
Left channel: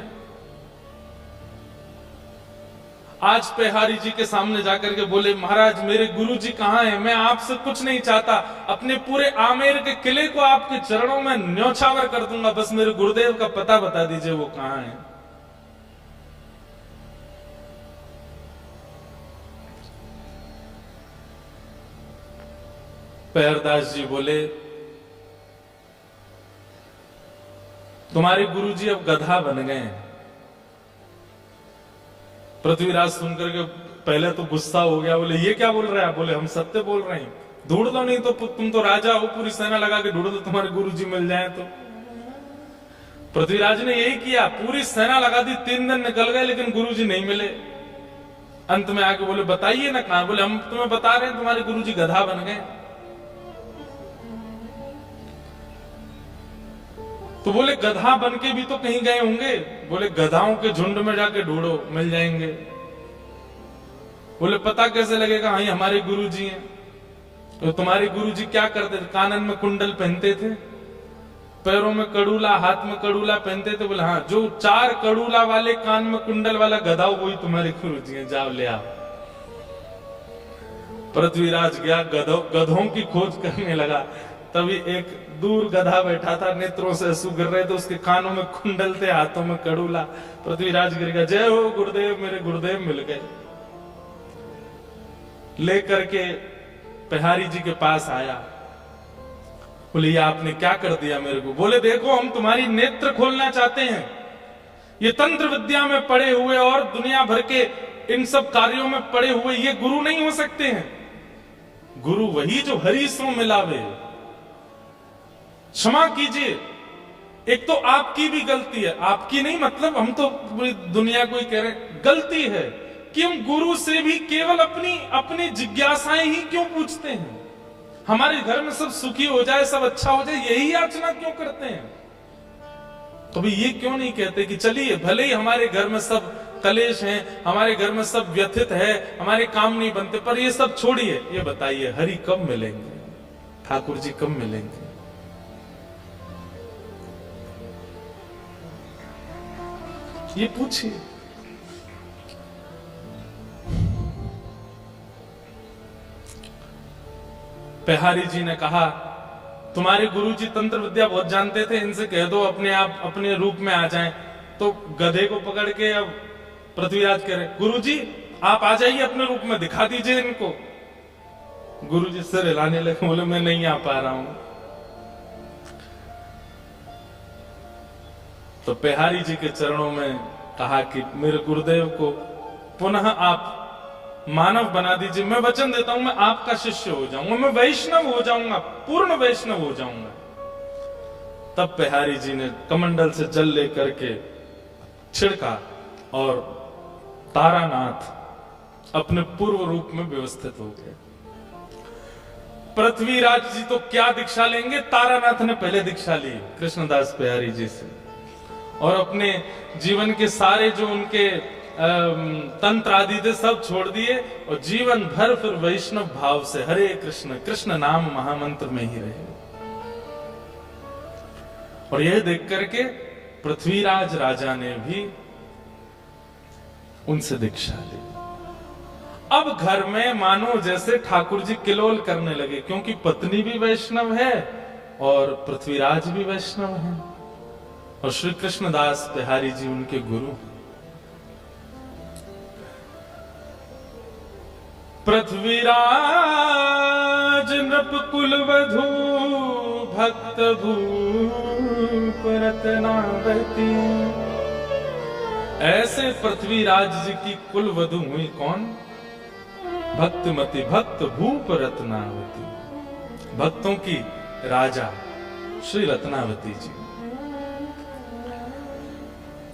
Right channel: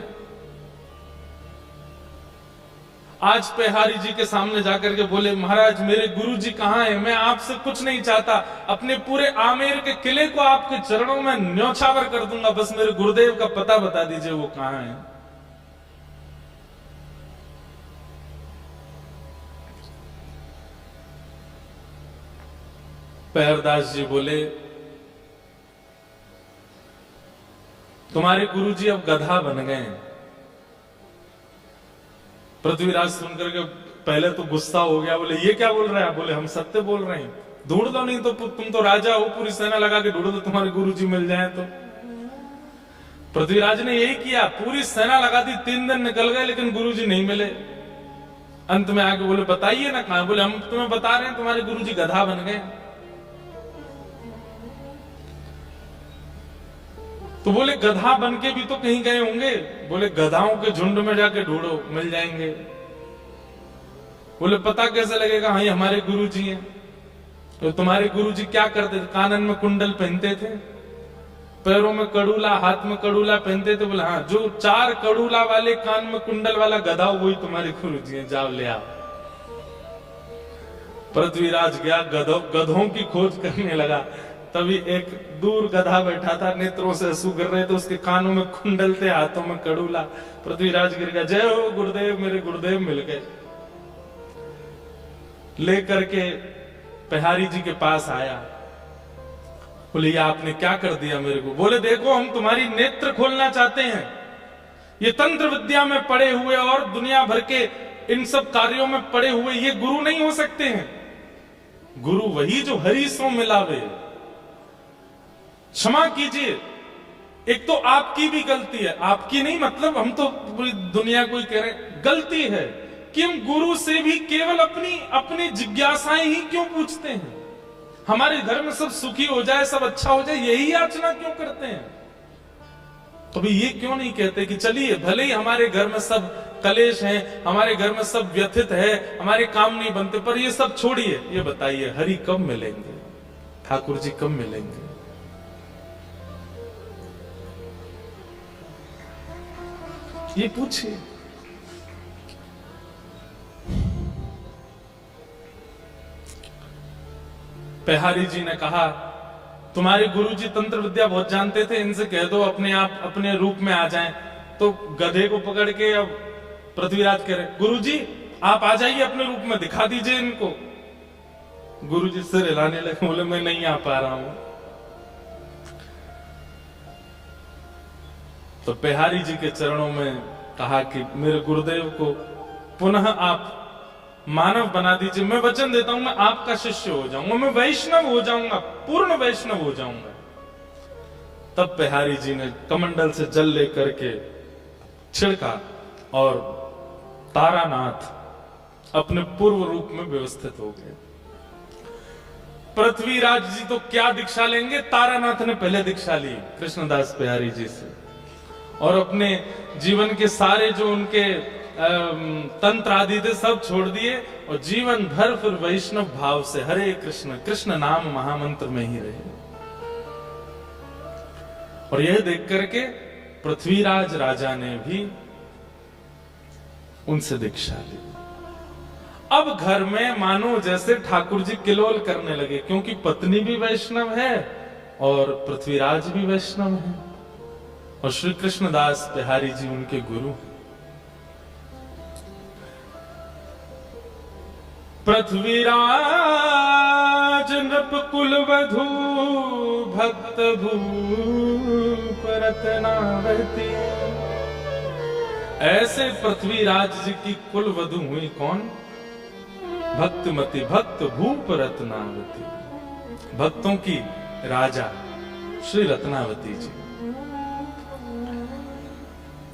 आज पेहारी जी के सामने जाकर के बोले महाराज मेरे गुरु जी कहां हैं, मैं आपसे कुछ नहीं चाहता, अपने पूरे आमेर के किले को आपके चरणों में न्योछावर कर दूंगा, बस मेरे गुरुदेव का पता बता दीजिए वो कहां है। पेहरदास जी बोले तुम्हारे गुरुजी अब गधा बन गए हैं। पृथ्वीराज सुनकर के पहले तो गुस्सा हो गया, बोले ये क्या बोल रहे हैं? बोले हम सत्य बोल रहे हैं, ढूंढ लो, नहीं तो तुम तो राजा हो, पूरी सेना लगा के ढूंढ लो, तुम्हारे गुरुजी मिल जाए तो। पृथ्वीराज ने यही किया, पूरी सेना लगा दी, 3 दिन निकल गए लेकिन गुरुजी नहीं मिले। अंत में आके बोले बताइए ना कहां? बोले हम तुम्हें बता रहे हैं तुम्हारे गुरुजी गधा बन गए। तो बोले गधा बन के भी तो कहीं गए होंगे। बोले गधाओं के झुंड में जाके ढूंढो, मिल जाएंगे। बोले पता कैसे लगेगा? हाँ हमारे गुरुजी हैं। तो तुम्हारे गुरुजी क्या करते थे? कानन में कुंडल पहनते थे, पैरों में कड़ूला, हाथ में कड़ूला पहनते थे। बोले हाँ, जो 4 कड़ूला वाले कान में कुंडल वाला गधा वही तुम्हारे गुरुजी हैं, जाओ ले आओ। पृथ्वीराज गया, गधों की खोज करने लगा। तभी एक दूर गधा बैठा था, नेत्रों से आंसू गिर रहे थे, उसके कानों में कुंडल थे, हाथों में कड़ूला। पृथ्वीराज गिर गया, जय हो गुरुदेव, मेरे गुरुदेव मिल गए। लेकर के बिहारी जी के पास आया, बोले ये आपने क्या कर दिया मेरे को? बोले देखो हम तुम्हारी नेत्र खोलना चाहते हैं। ये तंत्र विद्या में पड़े हुए और दुनिया भर के इन सब कार्यों में पड़े हुए ये गुरु नहीं हो सकते हैं। गुरु वही जो हरि सो मिलावे। क्षमा कीजिए, एक तो आपकी भी गलती है, आपकी नहीं मतलब हम तो पूरी दुनिया को ही कह रहे हैं, गलती है कि हम गुरु से भी केवल अपनी जिज्ञासाएं ही क्यों पूछते हैं। हमारे घर में सब सुखी हो जाए, सब अच्छा हो जाए, यही याचना क्यों करते हैं? कभी ये क्यों नहीं कहते कि चलिए भले ही हमारे घर में सब कलेश हैं, हमारे घर में सब व्यथित है, हमारे काम नहीं बनते, पर ये सब छोड़िए, ये बताइए हरि कब मिलेंगे, ठाकुर जी कब मिलेंगे? ये पूछिए। बिहारी जी ने कहा तुम्हारे गुरुजी तंत्र विद्या बहुत जानते थे, इनसे कह दो अपने आप अपने रूप में आ जाएं। तो गधे को पकड़ के अब पृथ्वीराज कह रहे गुरुजी आप आ जाइए अपने रूप में, दिखा दीजिए इनको। गुरुजी सिर हिलाने लगे, बोले मैं नहीं आ पा रहा हूं। तो बिहारी जी के चरणों में कहा कि मेरे गुरुदेव को पुनः आप मानव बना दीजिए, मैं वचन देता हूं मैं आपका शिष्य हो जाऊंगा, मैं वैष्णव हो जाऊंगा, पूर्ण वैष्णव हो जाऊंगा। तब बिहारी जी ने कमंडल से जल लेकर के छिड़का और तारानाथ अपने पूर्व रूप में व्यवस्थित हो गए। पृथ्वीराज जी तो क्या दीक्षा लेंगे, तारानाथ ने पहले दीक्षा ली कृष्णदास बिहारी जी से, और अपने जीवन के सारे जो उनके तंत्र आदि थे सब छोड़ दिए और जीवन भर फिर वैष्णव भाव से हरे कृष्ण कृष्ण नाम महामंत्र में ही रहे। और यह देख करके पृथ्वीराज राजा ने भी उनसे दीक्षा ली। अब घर में मानो जैसे ठाकुर जी किलोल करने लगे, क्योंकि पत्नी भी वैष्णव है और पृथ्वीराज भी वैष्णव है और श्री कृष्णदास बिहारी जी उनके गुरु हैं। पृथ्वीराज नृप कुल वधू भक्त भूप रत्नावती। ऐसे पृथ्वीराज जी की कुल वधू हुई कौन? भक्तमती, भक्त भूप रत्नावती, भक्तों की राजा श्री रत्नावती जी।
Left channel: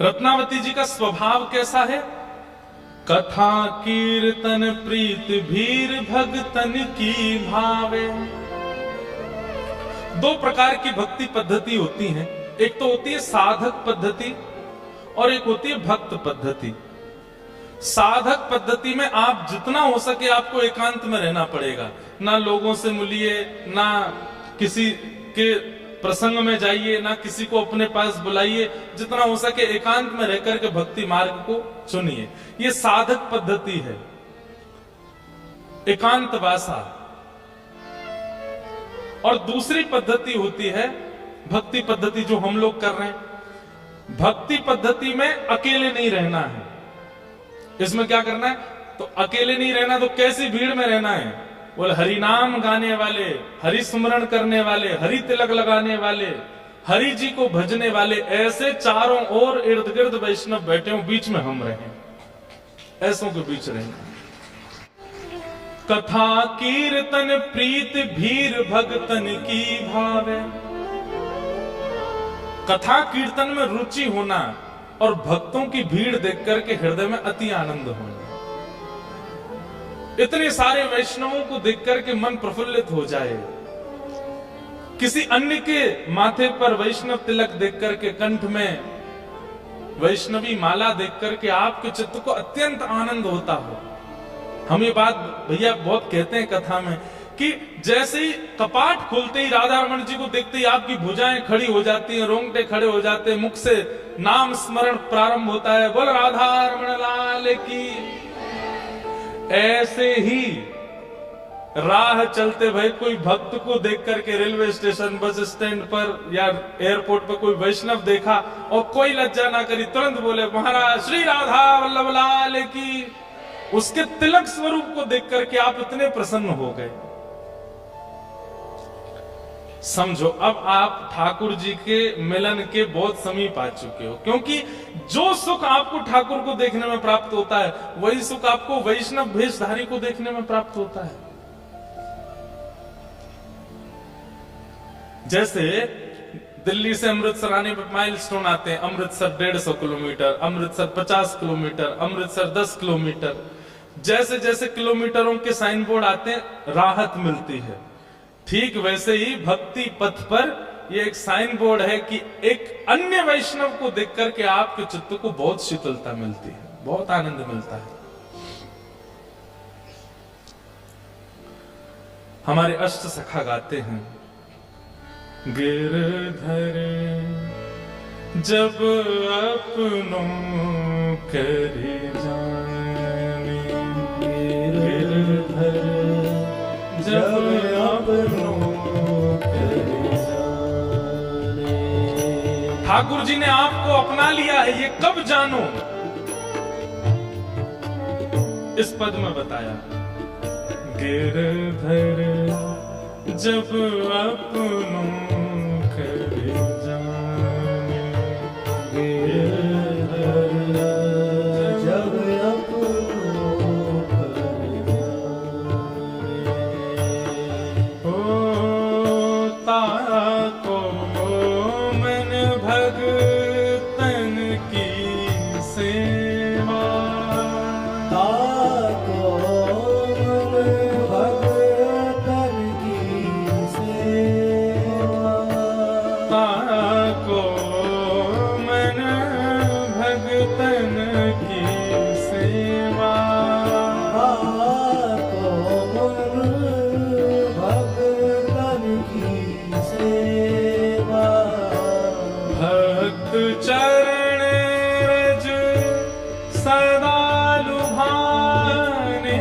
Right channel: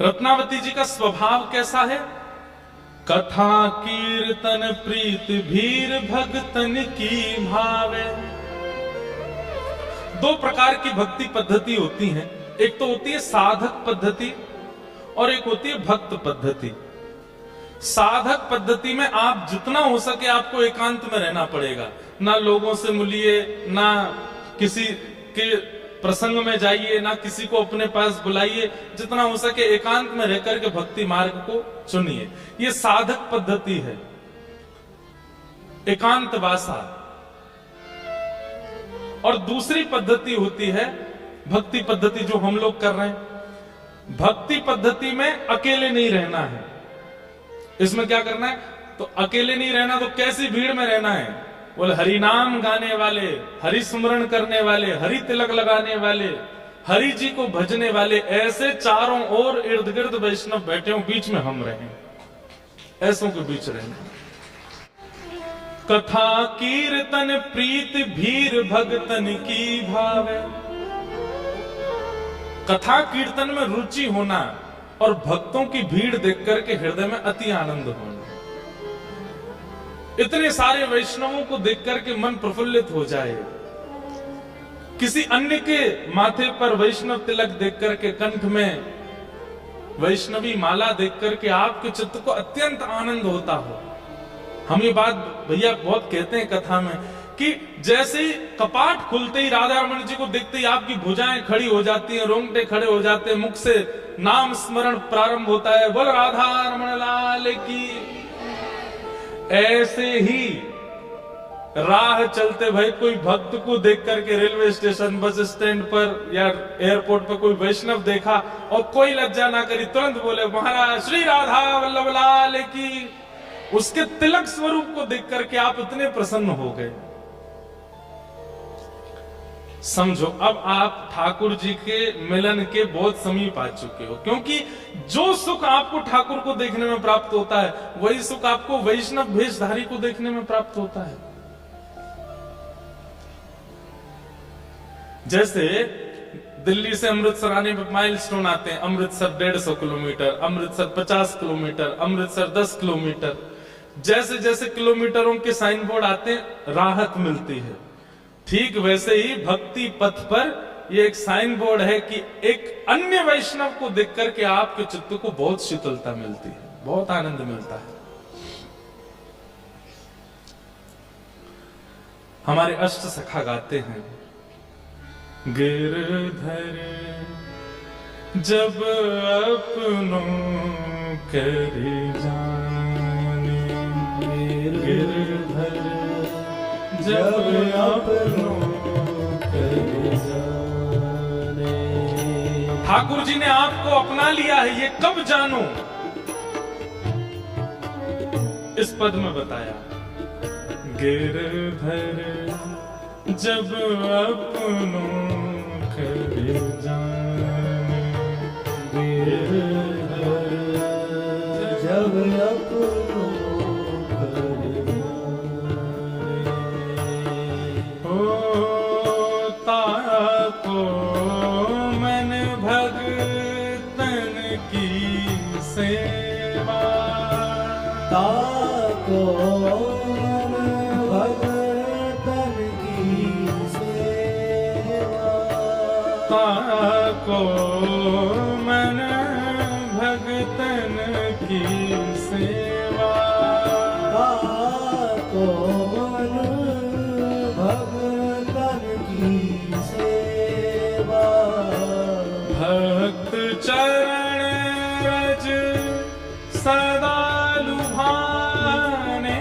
रत्नावती जी का स्वभाव कैसा है? कथा कीर्तन प्रीत भीर भक्तन की भावे। दो प्रकार की भक्ति पद्धति होती हैं, एक तो होती है साधक पद्धति और एक होती है भक्त पद्धति। साधक पद्धति में आप जितना हो सके आपको एकांत में रहना पड़ेगा, ना लोगों से मिलिए, ना किसी के प्रसंग में जाइए, ना किसी को अपने पास बुलाइए, जितना हो सके एकांत में रहकर के भक्ति मार्ग को चुनिए। ये साधक पद्धति है, एकांत वासा। और दूसरी पद्धति होती है भक्ति पद्धति जो हम लोग कर रहे हैं। भक्ति पद्धति में अकेले नहीं रहना है। इसमें क्या करना है? तो अकेले नहीं रहना, तो कैसी भीड़ में रहना है? बोले हरि नाम गाने वाले, हरि सुमरण करने वाले, हरि तिलक लगाने वाले, हरि जी को भजने वाले, ऐसे चारों ओर इर्द गिर्द वैष्णव बैठे हो, बीच में हम रहें, ऐसों के बीच रहना। कथा कीर्तन प्रीत भीर भगतन की भावे। कथा कीर्तन में रुचि होना और भक्तों की भीड़ देख करके हृदय में अति आनंद होना। इतने सारे वैष्णवों को देख करके मन प्रफुल्लित हो जाए। किसी अन्य के माथे पर वैष्णव तिलक देख करके, कंठ में वैष्णवी माला देख करके आपके चित्त को अत्यंत आनंद होता हो। हम ये बात भैया बहुत कहते हैं कथा में कि जैसे ही कपाट खुलते ही राधा रमन जी को देखते ही आपकी भुजाएं खड़ी हो जाती हैं, रोंगटे खड़े हो जाते हैं, मुख से नाम स्मरण प्रारंभ होता है, बोल राधा रमन लाल की। ऐसे ही राह चलते भाई कोई भक्त को देख करके रेलवे स्टेशन, बस स्टैंड पर या एयरपोर्ट पर कोई वैष्णव देखा और कोई लज्जा ना करी, तुरंत बोले महाराज श्री राधा वल्लभ लाल की। उसके तिलक स्वरूप को देख करके आप इतने प्रसन्न हो गए। समझो अब आप ठाकुर जी के मिलन के बहुत समीप आ चुके हो, क्योंकि जो सुख आपको ठाकुर को देखने में प्राप्त होता है वही सुख आपको वैष्णव भेषधारी को देखने में प्राप्त होता है। जैसे दिल्ली से अमृतसर आने में माइलस्टोन आते हैं, Amritsar 150 kilometre, Amritsar 50 kilometre, Amritsar 10 kilometre. जैसे जैसे किलोमीटरों के साइन बोर्ड आते हैं राहत मिलती है। ठीक वैसे ही भक्ति पथ पर ये एक साइन बोर्ड है कि एक अन्य वैष्णव को देख करके आपके चित्त को बहुत शीतलता मिलती है, बहुत आनंद मिलता है। हमारे अष्ट सखा गाते हैं, गिरधर जब अपनों कर जाने, गिरधर जब अपनों कर जाने। ठाकुर जी ने आपको अपना लिया है, ये कब जानो? इस पद में बताया, गिरधर जब अपनों कर जाने, गिरधर जब अपनों कर जाने। होता को मन भगतन की सेवा, ताको को मन भगतन की सेवा, को मन भगतन की सेवा। भक्त चरण रज सदा लुभाने,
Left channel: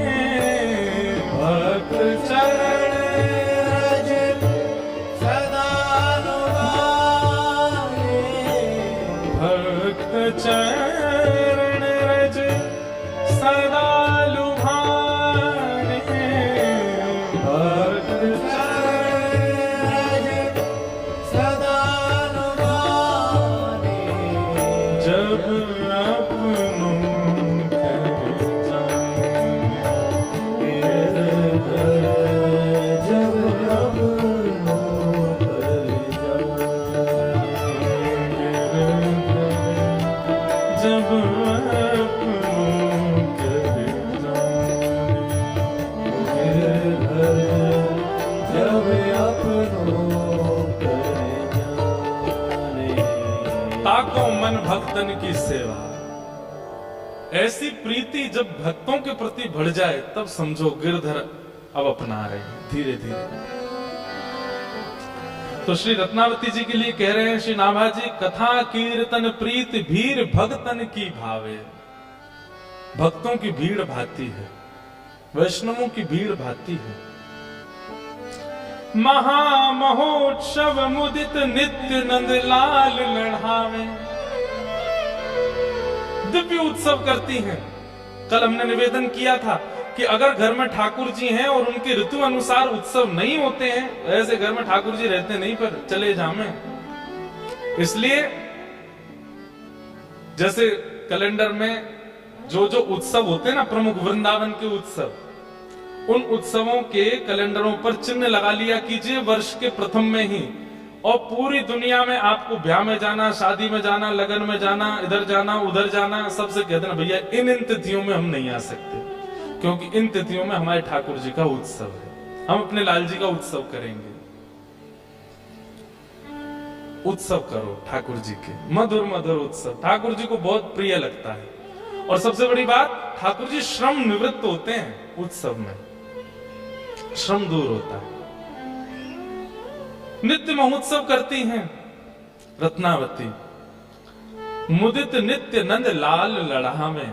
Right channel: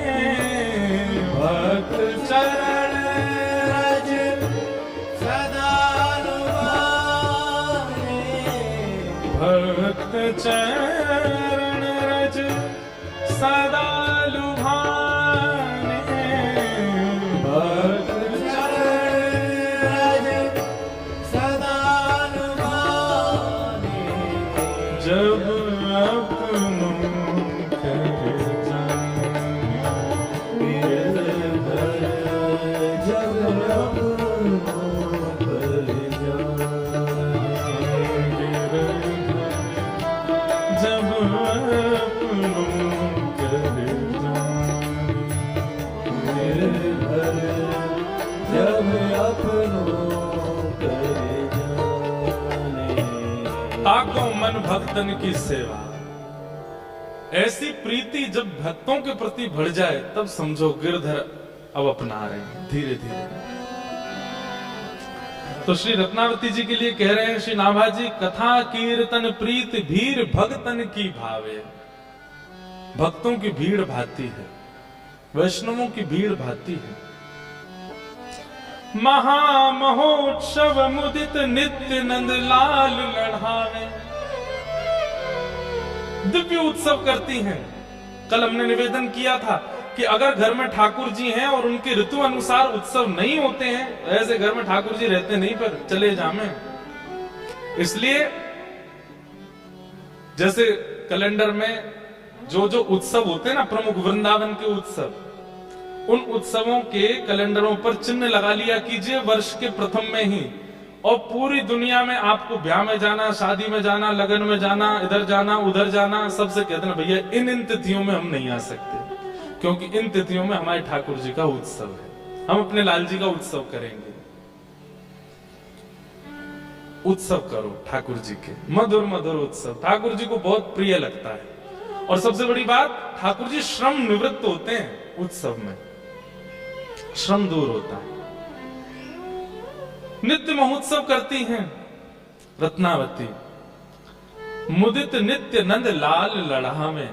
भक्त चरण रज सदा भक्त चरण रज सदा लुभाने, भक्त चरण रज सदा लुभाने। जब अपनों कर जाने, गिरधर जब अपनों कर जाने, जब अपनों कर जाने, गिरधर जब अपनों कर जाने। ताको मन भक्तन की सेवा। ऐसी प्रीति जब भक्तों के प्रति बढ़ जाए तब समझो गिरधर अब अपना रहे हैं धीरे धीरे। तो श्री रत्नावती जी के लिए कह रहे हैं श्री नाभा जी, कथा कीर्तन प्रीत भीर भक्तन की भावे। भक्तों की भीड़ भाती है, वैष्णवों की भीड़ भाती है। महामहोत्सव मुदित नित्य नंद लाल लढ़ावे। दिव्य उत्सव करती हैं। कल हमने निवेदन किया था कि अगर घर में ठाकुर जी हैं और उनके ऋतु अनुसार उत्सव नहीं होते हैं, ऐसे घर में ठाकुर जी रहते नहीं पर चले जामे। इसलिए जैसे कैलेंडर में जो जो उत्सव होते हैं ना, प्रमुख वृंदावन के उत्सव, उन उत्सवों के कैलेंडरों पर चिन्ह लगा लिया कीजिए वर्ष के प्रथम में ही। और पूरी दुनिया में आपको ब्याह में जाना, शादी में जाना, लगन में जाना, इधर जाना उधर जाना, सबसे कह देना भैया इन तिथियों में हम नहीं आ सकते, क्योंकि इन तिथियों में हमारे ठाकुर जी का उत्सव है, हम अपने लाल जी का उत्सव करेंगे। उत्सव करो ठाकुर जी के, मधुर मधुर उत्सव ठाकुर जी को बहुत प्रिय लगता है। और सबसे बड़ी बात, ठाकुर जी श्रम निवृत्त होते हैं उत्सव में, श्रम दूर होता है। नित्य महोत्सव करती हैं रत्नावती। मुदित नित्य नंद लाल लढ़ावे।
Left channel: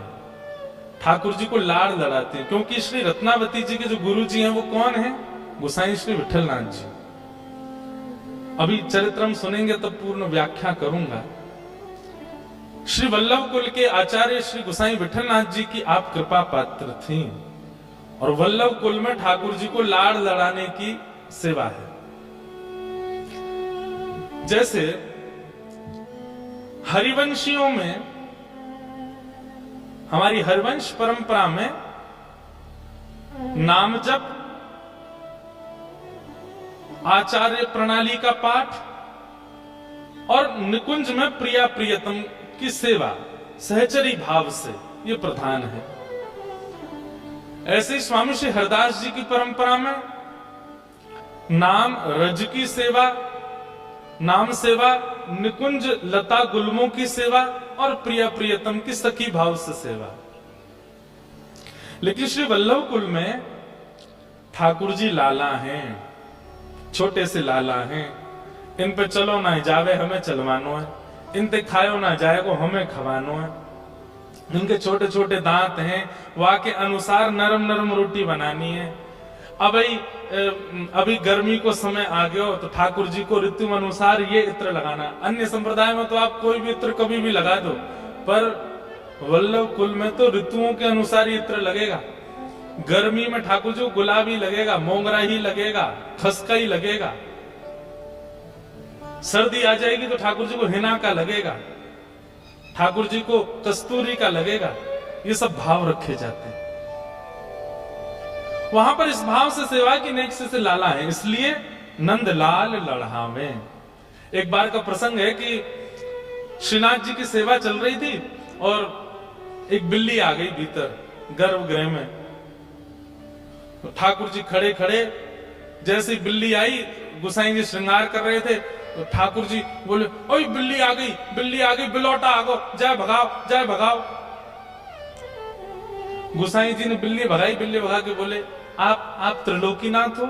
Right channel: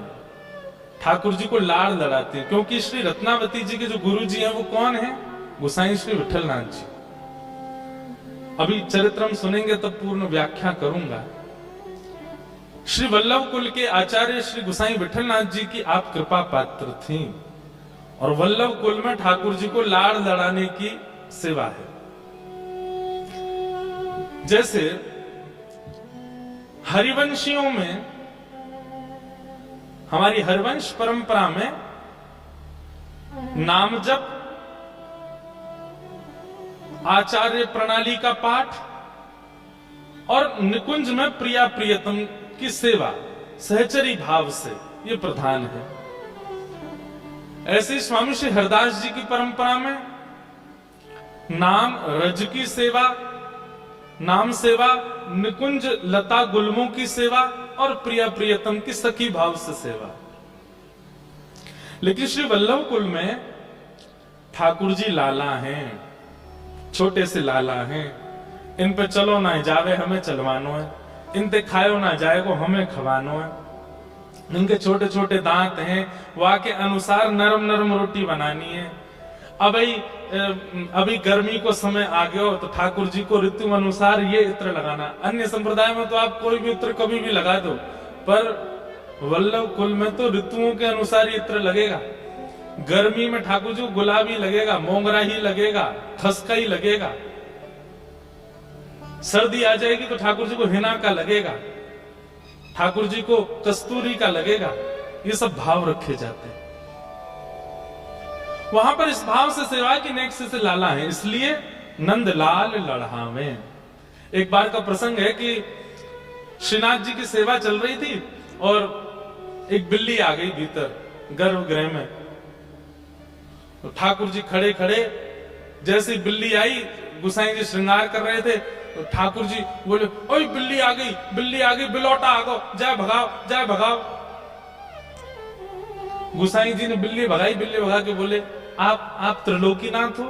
ठाकुर जी को लाड़ लड़ाते हैं, क्योंकि श्री रत्नावती जी के जो गुरु जी हैं वो कौन है? गोसाई श्री विठलनाथ जी। अभी चरित्रम सुनेंगे तब पूर्ण व्याख्या करूंगा। श्री वल्लभ कुल के आचार्य श्री गोसाई विठलनाथ जी की आप कृपा पात्र थी, और वल्लभ कुल में ठाकुर जी को लाड़ लड़ाने की सेवा है। जैसे हरिवंशियों में, हमारी हरिवंश परंपरा में नाम जप, आचार्य प्रणाली का पाठ और निकुंज में प्रिया प्रियतम की सेवा सहचरी भाव से ये प्रधान है। ऐसे ही स्वामी श्री हरदास जी की परंपरा में नाम रज की सेवा, नाम सेवा, निकुंज लता गुलमों की सेवा और प्रिया प्रियतम की सखी भाव से सेवा। लेकिन श्री वल्लभ कुल में ठाकुर जी लाला हैं, छोटे से लाला हैं। इन पे चलो ना जावे हमें चलवानो है, इन पे खायो ना जाएगो हमें खवानो है। इनके छोटे छोटे दांत हैं, वहां के अनुसार नरम नरम रोटी बनानी है। अभी गर्मी को समय आ गया हो तो ठाकुर जी को ऋतु अनुसार ये इत्र लगाना। अन्य संप्रदाय में तो आप कोई भी इत्र कभी भी लगा दो, पर वल्लभ कुल में तो ऋतुओं के अनुसार ही इत्र लगेगा। गर्मी में ठाकुर जी को गुलाबी लगेगा, मोगरा ही लगेगा, खसका ही लगेगा। सर्दी आ जाएगी तो ठाकुर जी को हिना का लगेगा, ठाकुर जी को कस्तूरी का लगेगा। ये सब भाव रखे जाते हैं वहां पर। इस भाव से सेवा की नेक्स्ट से लाला है, इसलिए नंदलाल लड़हावे। एक बार का प्रसंग है कि श्रीनाथ जी की सेवा चल रही थी और एक बिल्ली आ गई भीतर गर्भगृह में। तो ठाकुर जी खड़े खड़े, जैसे बिल्ली आई, गुसाई जी श्रृंगार कर रहे थे तो ठाकुर जी बोले, ओए बिल्ली आ गई, बिल्ली आ गई, बिलौटा आगो, जाए भगाओ, जाए भगाओ। गुसाई जी ने बिल्ली भगाई, बिल्ली भगा के बोले, आप त्रिलोकीनाथ हो,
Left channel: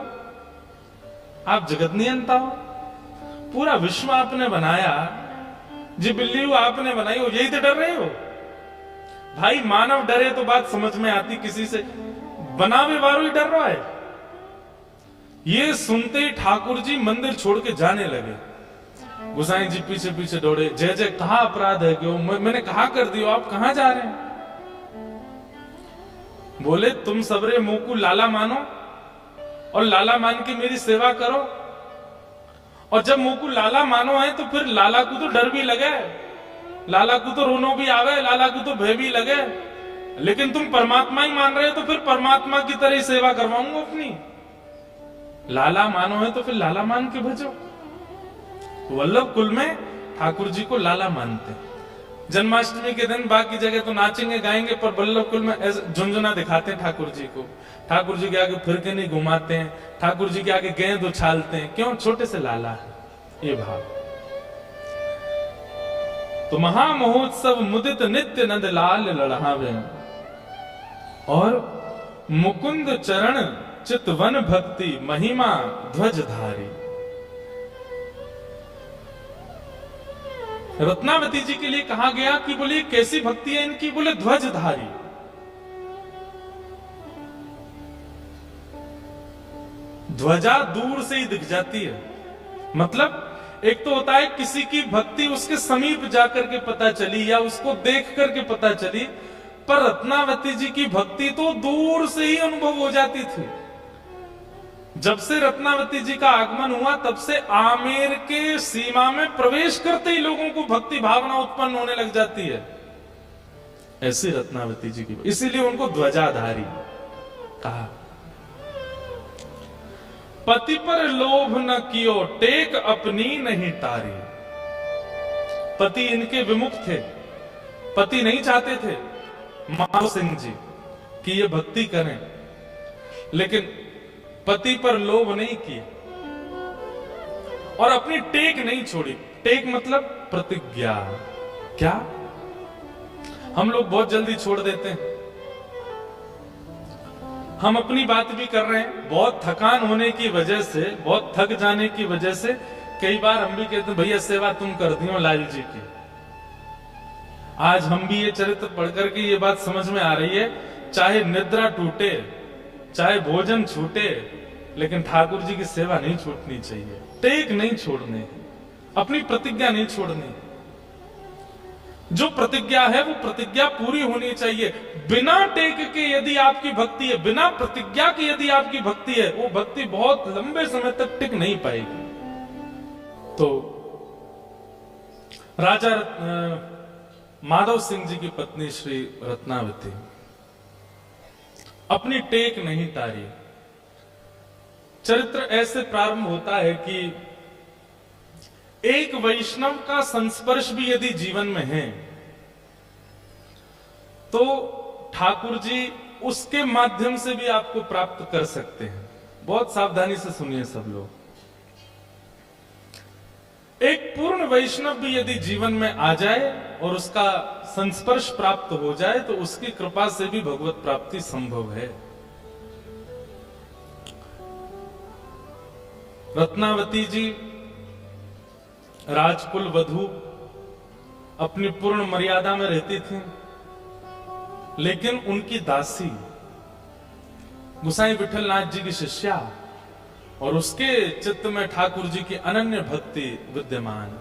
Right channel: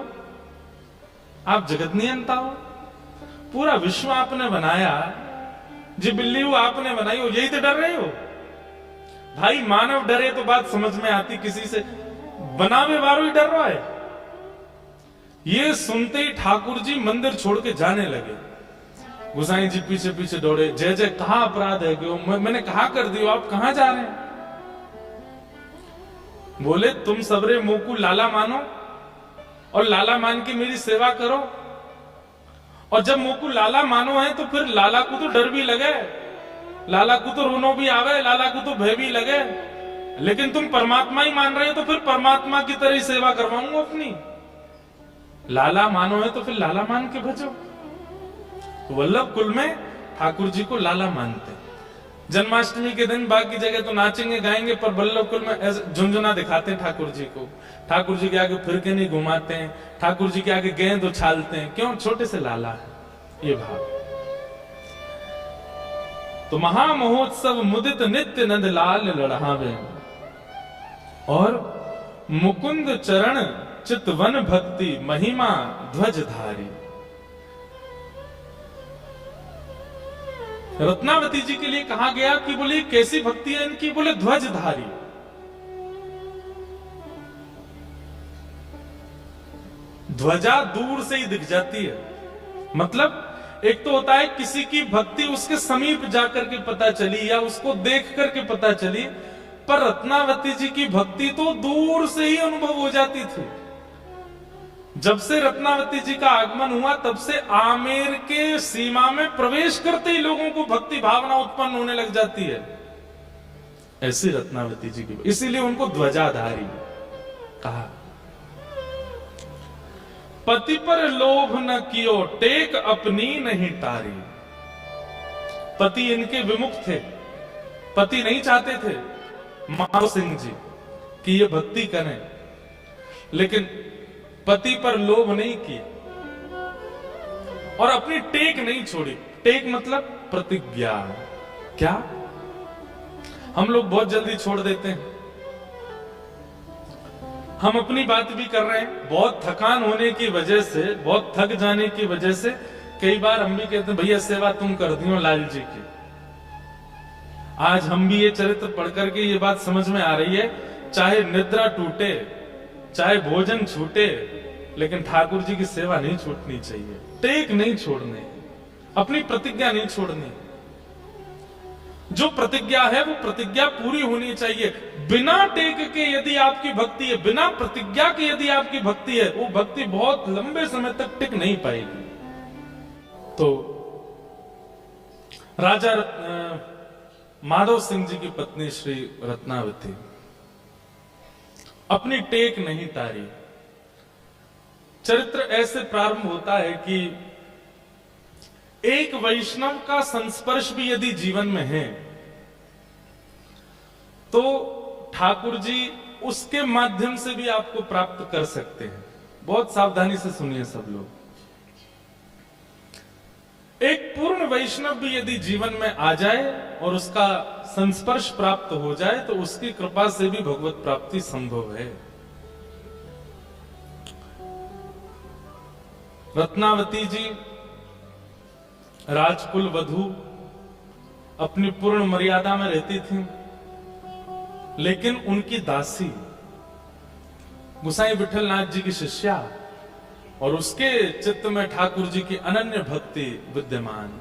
आप जगत नियंता हो, पूरा विश्व आपने बनाया, जी बिल्ली वो आपने बनाई हो, यही तो डर रहे हो? भाई मानव डरे तो बात समझ में आती, किसी से बनावे वारो ही डर रहा है। ये सुनते ही ठाकुर जी मंदिर छोड़ के जाने लगे। गुसाई जी पीछे पीछे दौड़े, जय जय कहा अपराध है क्यों, मैंने कहा कर दियो, आप कहां जा रहे हैं? बोले तुम सबरे मुंह को लाला मानो और लाला मान के मेरी सेवा करो, और जब मुंह को लाला मानो है तो फिर लाला को तो डर भी लगे, लाला को तो रोनो भी आवे, लाला को तो भय भी लगे। लेकिन तुम परमात्मा ही मान रहे हो तो फिर परमात्मा की तरह ही सेवा करवाऊंगा अपनी। लाला मानो है तो फिर लाला मान के भजो। तो वल्लभ कुल में ठाकुर जी को लाला मानते। जन्माष्टमी के दिन बाकी जगह तो नाचेंगे गाएंगे, पर वल्लभ कुल में झुंझुना दिखाते हैं ठाकुर जी को। ठाकुर जी के आगे फिर के नहीं घुमाते हैं, ठाकुर जी के आगे गेंद उछालते हैं। क्यों? छोटे से लाला है ये भाव। तो महामहोत्सव मुदित नित्य नंद लाल लड़हावे, और मुकुंद चरण चितवन भक्ति महिमा ध्वजधारी। रत्नावती जी के लिए कहा गया कि बोले कैसी भक्ति है इनकी, बोले ध्वजधारी। ध्वजा दूर से ही दिख जाती है। मतलब एक तो होता है किसी की भक्ति उसके समीप जाकर के पता चली या उसको देख करके पता चली, पर रत्नावती जी की भक्ति तो दूर से ही अनुभव हो जाती थी। जब से रत्नावती जी का आगमन हुआ तब से आमेर के सीमा में प्रवेश करते ही लोगों को भक्ति भावना उत्पन्न होने लग जाती है। ऐसी रत्नावती जी की, इसीलिए उनको ध्वजाधारी कहा। पति पर लोभ न कियो टेक अपनी नहीं तारी। पति इनके विमुख थे, पति नहीं चाहते थे माधो सिंह जी कि ये भक्ति करें, लेकिन पति पर लोभ नहीं किया और अपनी टेक नहीं छोड़ी। टेक मतलब प्रतिज्ञा। क्या हम लोग बहुत जल्दी छोड़ देते हैं। हम अपनी बात भी कर रहे हैं, बहुत थकान होने की वजह से, बहुत थक जाने की वजह से कई बार हम भी कहते हैं भैया सेवा तुम कर दियो लाल जी की। आज हम भी ये चरित्र पढ़ करके ये बात समझ में आ रही है, चाहे निद्रा टूटे, चाहे भोजन छूटे, लेकिन ठाकुर जी की सेवा नहीं छूटनी चाहिए, टेक नहीं छोड़ने, अपनी प्रतिज्ञा नहीं छोड़नी। जो प्रतिज्ञा है वो प्रतिज्ञा पूरी होनी चाहिए। बिना टेक के यदि आपकी भक्ति है, बिना प्रतिज्ञा के यदि आपकी भक्ति है, वो भक्ति बहुत लंबे समय तक टिक नहीं पाएगी। तो राजा माधव सिंह जी की पत्नी श्री रत्नावती अपनी टेक नहीं तारी। चरित्र ऐसे प्रारंभ होता है कि एक वैष्णव का संस्पर्श भी यदि जीवन में है तो ठाकुर जी उसके माध्यम से भी आपको प्राप्त कर सकते हैं। बहुत सावधानी से सुनिए सब लोग। एक पूर्ण वैष्णव भी यदि जीवन में आ जाए और उसका संस्पर्श प्राप्त हो जाए तो उसकी कृपा से भी भगवत प्राप्ति संभव है। रत्नावती जी राजकुल वधू अपनी पूर्ण मर्यादा में रहती थी, लेकिन उनकी दासी गुसाई विठलनाथ जी की शिष्या और उसके चित्त में ठाकुर जी की अनन्य भक्ति विद्यमान।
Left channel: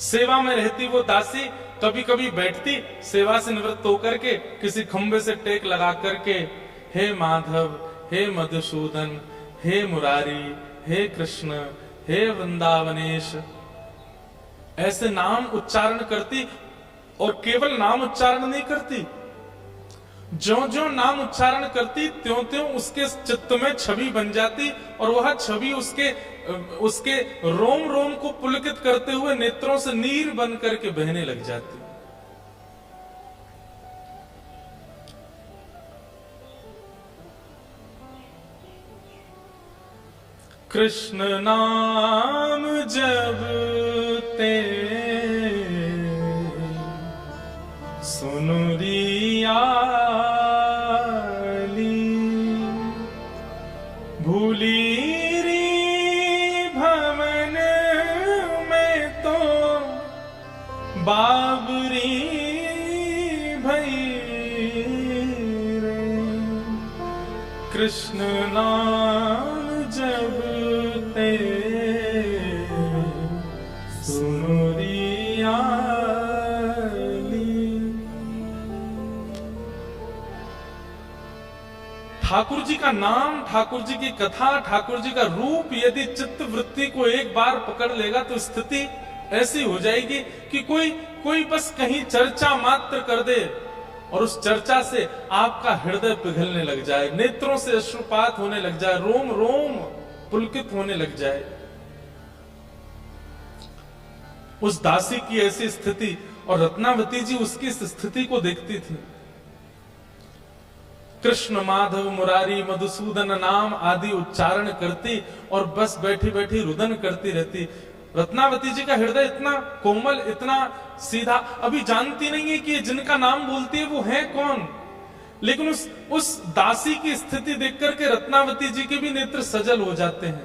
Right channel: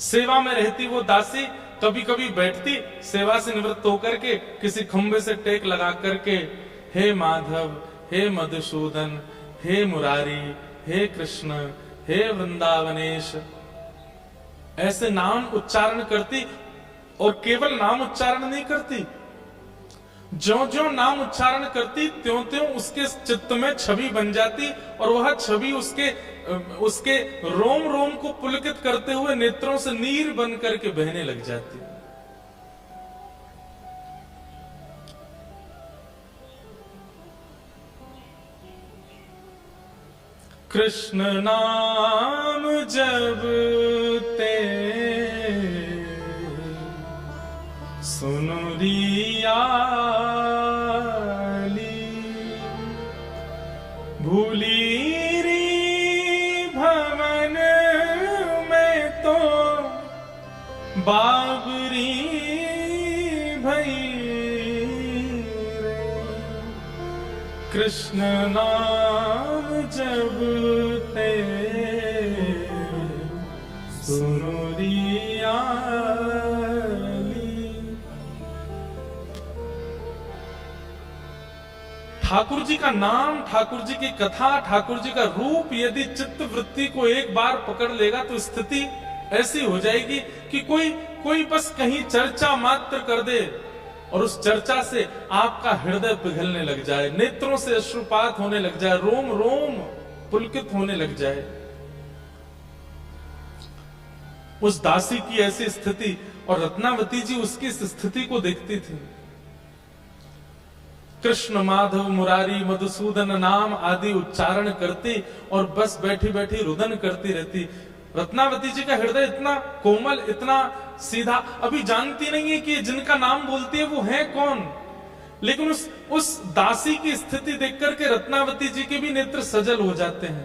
सेवा में रहती वो दासी कभी कभी बैठती, सेवा से निवृत्त होकर के किसी खंबे से टेक लगा करके, हे माधव, हे मधुसूदन, हे मुरारी, हे कृष्ण, हे वृंदावनेश, ऐसे नाम उच्चारण करती। और केवल नाम उच्चारण नहीं करती, ज्यों ज्यों नाम उच्चारण करती त्यों त्यों उसके चित्त में छवि बन जाती और वह छवि उसके रोम रोम को पुलकित करते हुए नेत्रों से नीर बन करके बहने लग जाती। कृष्ण नाम जब ते सुनु रियाली, भूली री भवन में तो बाबरी भई रे। कृष्ण नाम जब ते सुनु रियाली। ठाकुर जी का नाम, ठाकुर जी की कथा, ठाकुर जी का रूप यदि चित्त वृत्ति को एक बार पकड़ लेगा तो स्थिति ऐसी हो जाएगी कि कोई बस कहीं चर्चा मात्र कर दे और उस चर्चा से आपका हृदय पिघलने लग जाए, नेत्रों से अश्रुपात होने लग जाए, रोम रोम पुलकित होने लग जाए। उस दासी की ऐसी स्थिति, और रत्नावती जी उसकी इस स्थिति को देखती थी। कृष्ण, माधव, मुरारी, मधुसूदन नाम आदि उच्चारण करती और बस बैठी बैठी रुदन करती रहती। रत्नावती जी का हृदय इतना कोमल, इतना सीधा, अभी जानती नहीं है कि जिनका नाम बोलती है वो है कौन, लेकिन उस दासी की स्थिति देख करके रत्नावती जी के भी नेत्र सजल हो जाते हैं।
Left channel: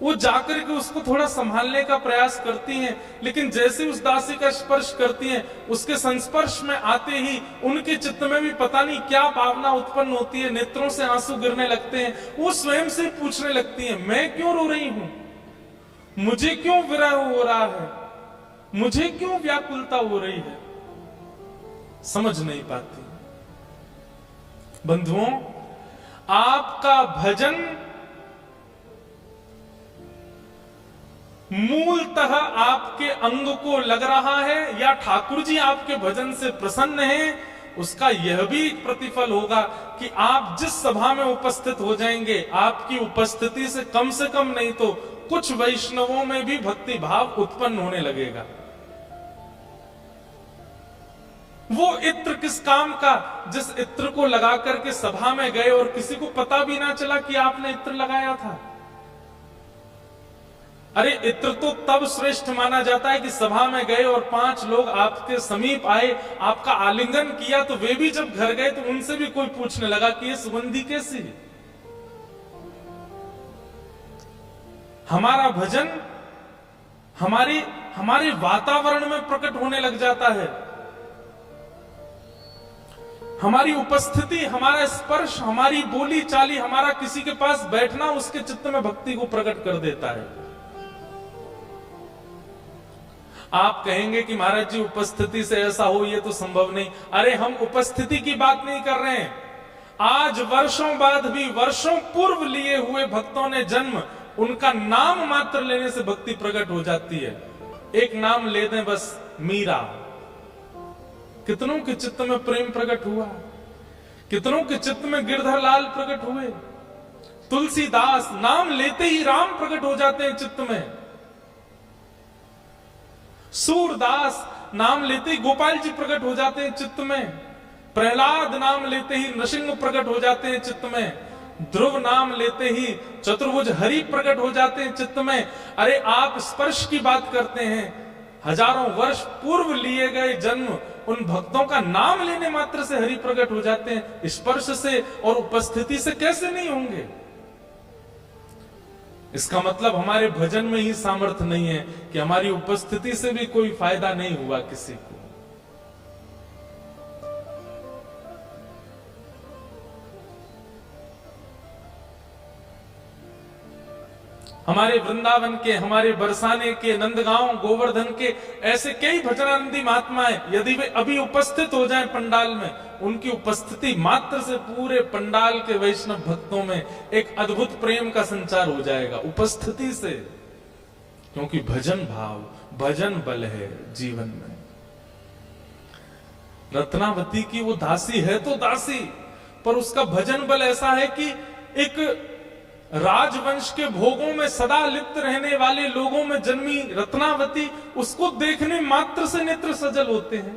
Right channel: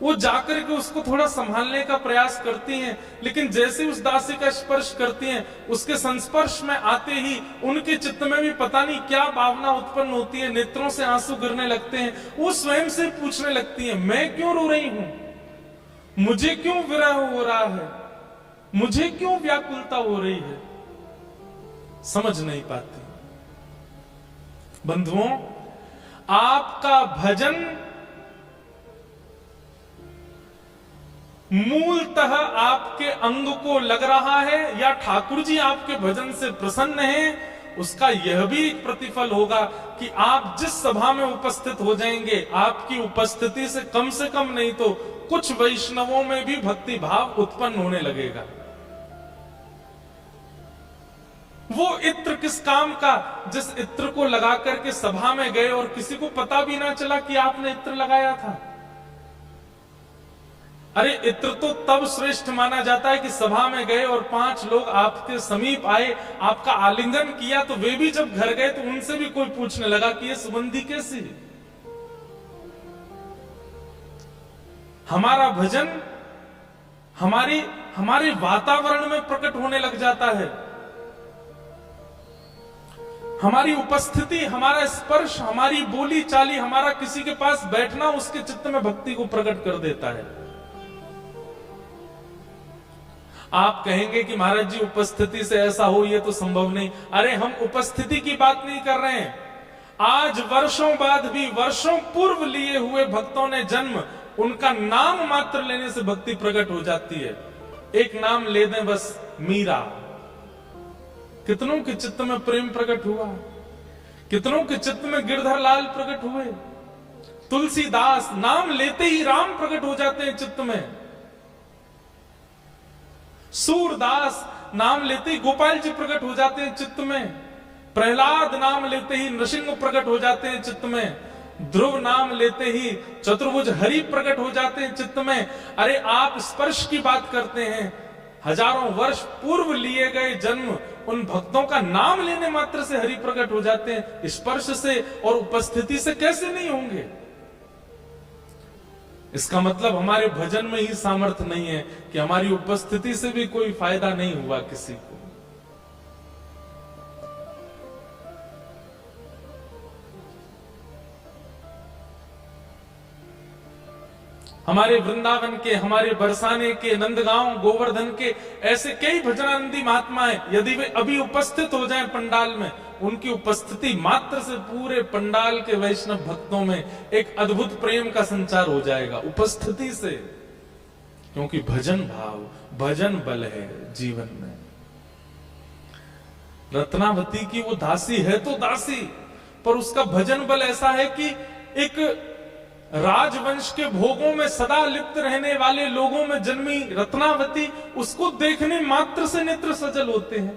वो जाकर के उसको थोड़ा संभालने का प्रयास करती हैं, लेकिन जैसे उस दासी का स्पर्श करती हैं, उसके संस्पर्श में आते ही उनके चित्त में भी पता नहीं क्या भावना उत्पन्न होती है, नेत्रों से आंसू गिरने लगते हैं। वो स्वयं से पूछने लगती हैं, मैं क्यों रो रही हूं, मुझे क्यों विरह हो रहा है, मुझे क्यों व्याकुलता हो रही है, समझ नहीं पाती। बंधुओं, आपका भजन मूलतः आपके अंग को लग रहा है या ठाकुर जी आपके भजन से प्रसन्न हैं, उसका यह भी एक प्रतिफल होगा कि आप जिस सभा में उपस्थित हो जाएंगे, आपकी उपस्थिति से कम नहीं तो कुछ वैष्णवों में भी भक्ति भाव उत्पन्न होने लगेगा। वो इत्र किस काम का, जिस इत्र को लगा करके सभा में गए और किसी को पता भी ना चला कि आपने इत्र लगाया था। अरे इत्र तो तब श्रेष्ठ माना जाता है कि सभा में गए और 5 लोग आपके समीप आए, आपका आलिंगन किया, तो वे भी जब घर गए तो उनसे भी कोई पूछने लगा कि ये सुगंधी कैसी है। हमारा भजन हमारे वातावरण में प्रकट होने लग जाता है। हमारी उपस्थिति, हमारा स्पर्श, हमारी बोली चाली, हमारा किसी के पास बैठना उसके चित्त में भक्ति को प्रकट कर देता है। आप कहेंगे कि महाराज जी उपस्थिति से ऐसा हो, ये तो संभव नहीं। अरे हम उपस्थिति की बात नहीं कर रहे हैं। आज वर्षों बाद भी, वर्षों पूर्व लिए हुए भक्तों ने जन्म, उनका नाम मात्र लेने से भक्ति प्रकट हो जाती है। एक नाम ले दें बस, मीरा, कितनों के चित्त में प्रेम प्रकट हुआ, कितनों के चित्त में गिरधर लाल प्रकट हुए। तुलसीदास, नाम लेते ही राम प्रकट हो जाते हैं चित्त में। सूरदास, नाम लेते ही गोपाल जी प्रकट हो जाते हैं चित्त में। प्रहलाद, नाम लेते ही नृसिंह प्रकट हो जाते हैं चित्त में। ध्रुव, नाम लेते ही चतुर्भुज हरि प्रकट हो जाते हैं चित्त में। अरे आप स्पर्श की बात करते हैं, हजारों वर्ष पूर्व लिए गए जन्म, उन भक्तों का नाम लेने मात्र से हरि प्रकट हो जाते हैं। स्पर्श से और उपस्थिति से कैसे नहीं होंगे? इसका मतलब हमारे भजन में ही सामर्थ्य नहीं है कि हमारी उपस्थिति से भी कोई फायदा नहीं हुआ किसी को। हमारे वृंदावन के, हमारे बरसाने के, नंदगांव, गोवर्धन के ऐसे कई भजनानंदी महात्माएं यदि वे अभी उपस्थित हो जाएं पंडाल में, उनकी उपस्थिति मात्र से पूरे पंडाल के वैष्णव भक्तों में एक अद्भुत प्रेम का संचार हो जाएगा, उपस्थिति से। क्योंकि भजन भाव, भजन बल है जीवन में। रत्नावती की वो दासी है तो दासी, पर उसका भजन बल ऐसा है कि एक राजवंश के भोगों में सदा लिप्त रहने वाले लोगों में जन्मी रत्नावती, उसको देखने मात्र से नेत्र सजल होते हैं।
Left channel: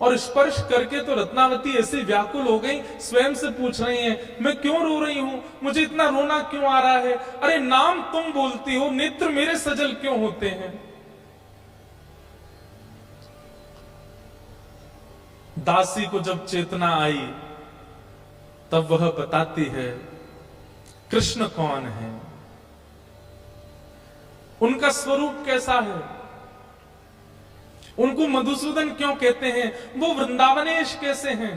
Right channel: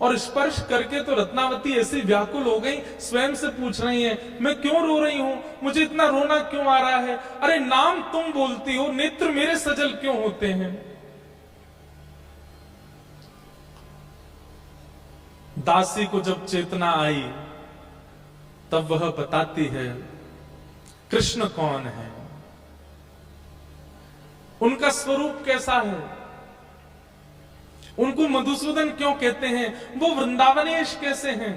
और स्पर्श करके तो रत्नावती ऐसी व्याकुल हो गई, स्वयं से पूछ रही हैं, मैं क्यों रो रही हूं, मुझे इतना रोना क्यों आ रहा है? अरे नाम तुम बोलती हो, नेत्र मेरे सजल क्यों होते हैं? दासी को जब चेतना आई तब वह बताती है कृष्ण कौन है, उनका स्वरूप कैसा है, उनको मधुसूदन क्यों कहते हैं, वो वृंदावनेश कैसे हैं,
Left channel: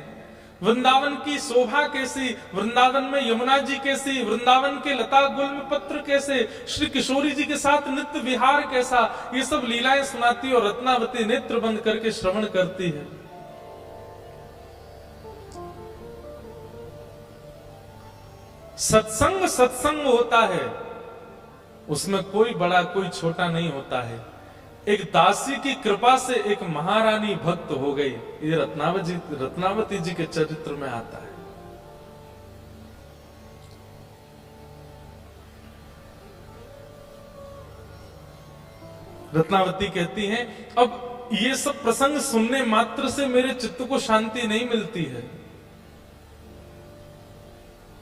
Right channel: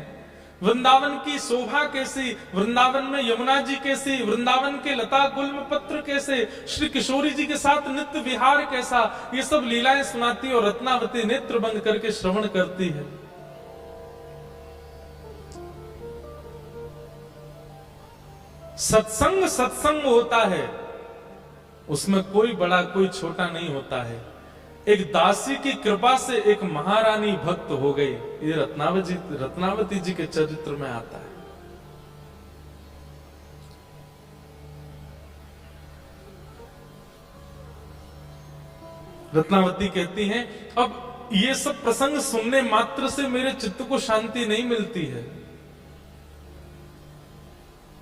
वृंदावन की शोभा कैसी, वृंदावन में यमुना जी कैसी, वृंदावन के लता गुल्म पत्र कैसे, श्री किशोरी जी के साथ नित्य विहार कैसा, ये सब लीलाएं सुनाती और रत्नावती नेत्र बंद करके श्रवण करती है। सत्संग सत्संग होता है, उसमें कोई बड़ा कोई छोटा नहीं होता है। एक दासी की कृपा से एक महारानी भक्त हो गई, ये रत्नावती जी के चरित्र में आता है। रत्नावती कहती हैं, अब ये सब प्रसंग सुनने मात्र से मेरे चित्त को शांति नहीं मिलती है।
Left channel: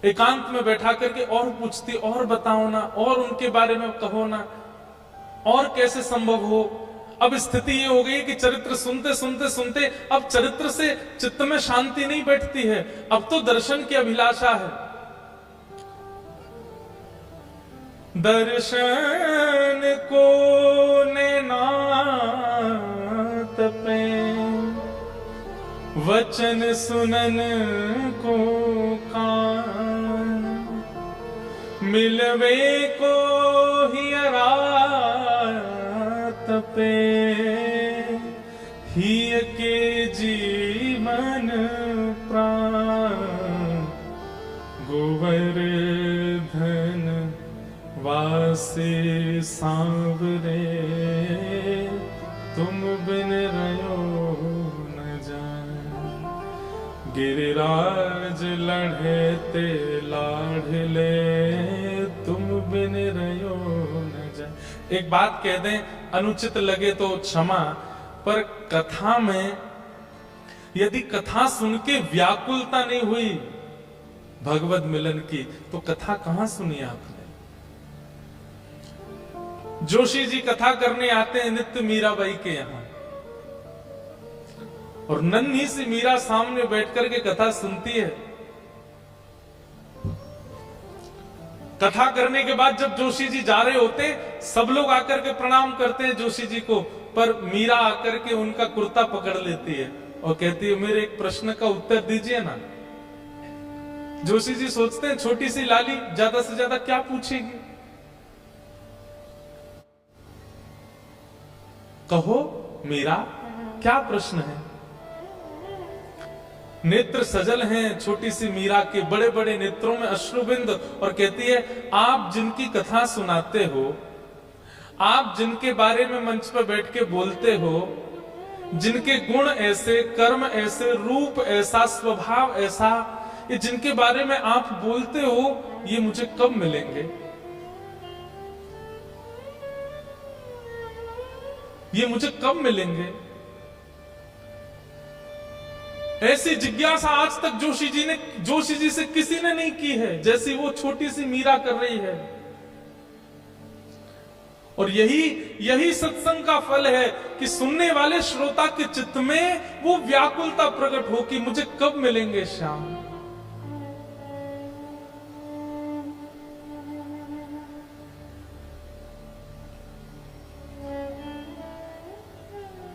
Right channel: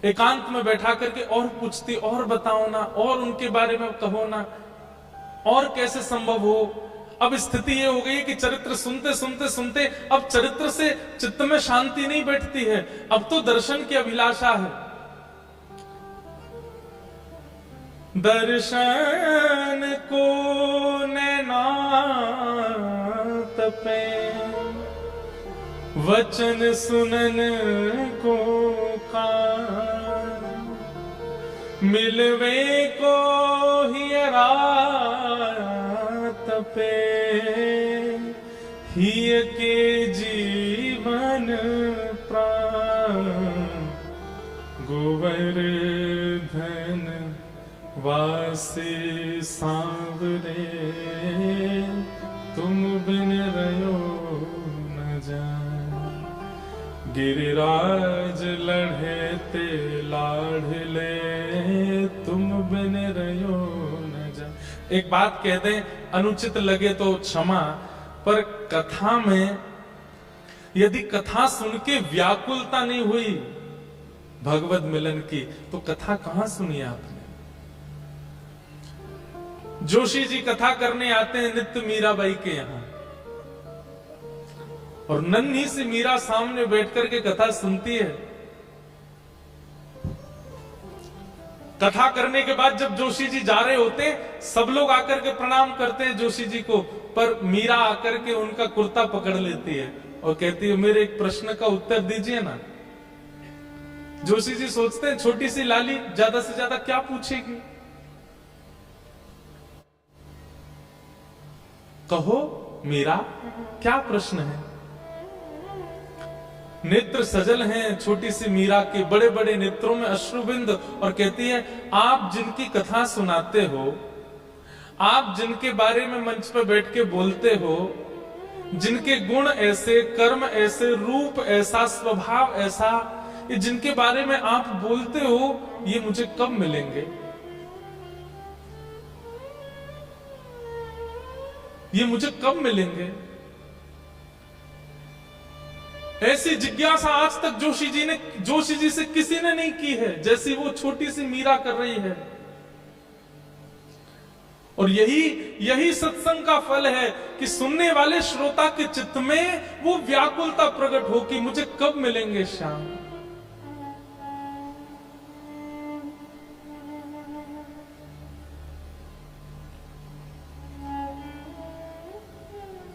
एकांत में बैठा करके और पूछती, और बताओ ना, और उनके बारे में कहो ना, और कैसे संभव हो। अब स्थिति ये हो गई कि चरित्र सुनते सुनते सुनते अब चरित्र से चित्त में शांति नहीं बैठती है, अब तो दर्शन की अभिलाषा है। दर्शन को नैना तपे, वचन सुनन को कान, मिलवे को हियरा तपे, हिय के जीवन प्राण, गोवर्धन वासी सांवरे, तुम बिन रयो न जान, गिरिराज लढ़ेते लाढ़ले, तुम बिन रयो न जान। एक बात कह दें, अनुचित लगे तो क्षमा, पर कथा में यदि कथा सुन के व्याकुलता नहीं हुई भगवत मिलन की, तो कथा कहां सुनी आपने? जोशी जी कथा करने आते हैं नित्य मीराबाई के यहां, और नन्ही सी मीरा सामने बैठ करके कथा सुनती है। कथा करने के बाद जब जोशी जी जा रहे होते हैं, सब लोग आकर के प्रणाम करते हैं जोशी जी को, पर मीरा आकर के उनका कुर्ता पकड़ लेती है और कहती है मेरे एक प्रश्न का उत्तर दीजिए ना। जोशी जी सोचते हैं छोटी सी लाली ज्यादा से ज्यादा क्या पूछेगी, कहो मीरा क्या प्रश्न है। नेत्र सजल हैं छोटी सी मीरा के, बड़े बड़े नेत्रों में अश्रुबिंद, और कहती है आप जिनकी कथा सुनाते हो, आप जिनके बारे में मंच पर बैठ के बोलते हो, जिनके गुण ऐसे, कर्म ऐसे, रूप ऐसा, स्वभाव ऐसा, ये जिनके बारे में आप बोलते हो, ये मुझे कब मिलेंगे, ये मुझे कब मिलेंगे। ऐसी जिज्ञासा आज तक जोशी जी से किसी ने नहीं की है जैसी वो छोटी सी मीरा कर रही है। और यही सत्संग का फल है कि सुनने वाले श्रोता के चित्त में वो व्याकुलता प्रकट हो कि मुझे कब मिलेंगे श्याम।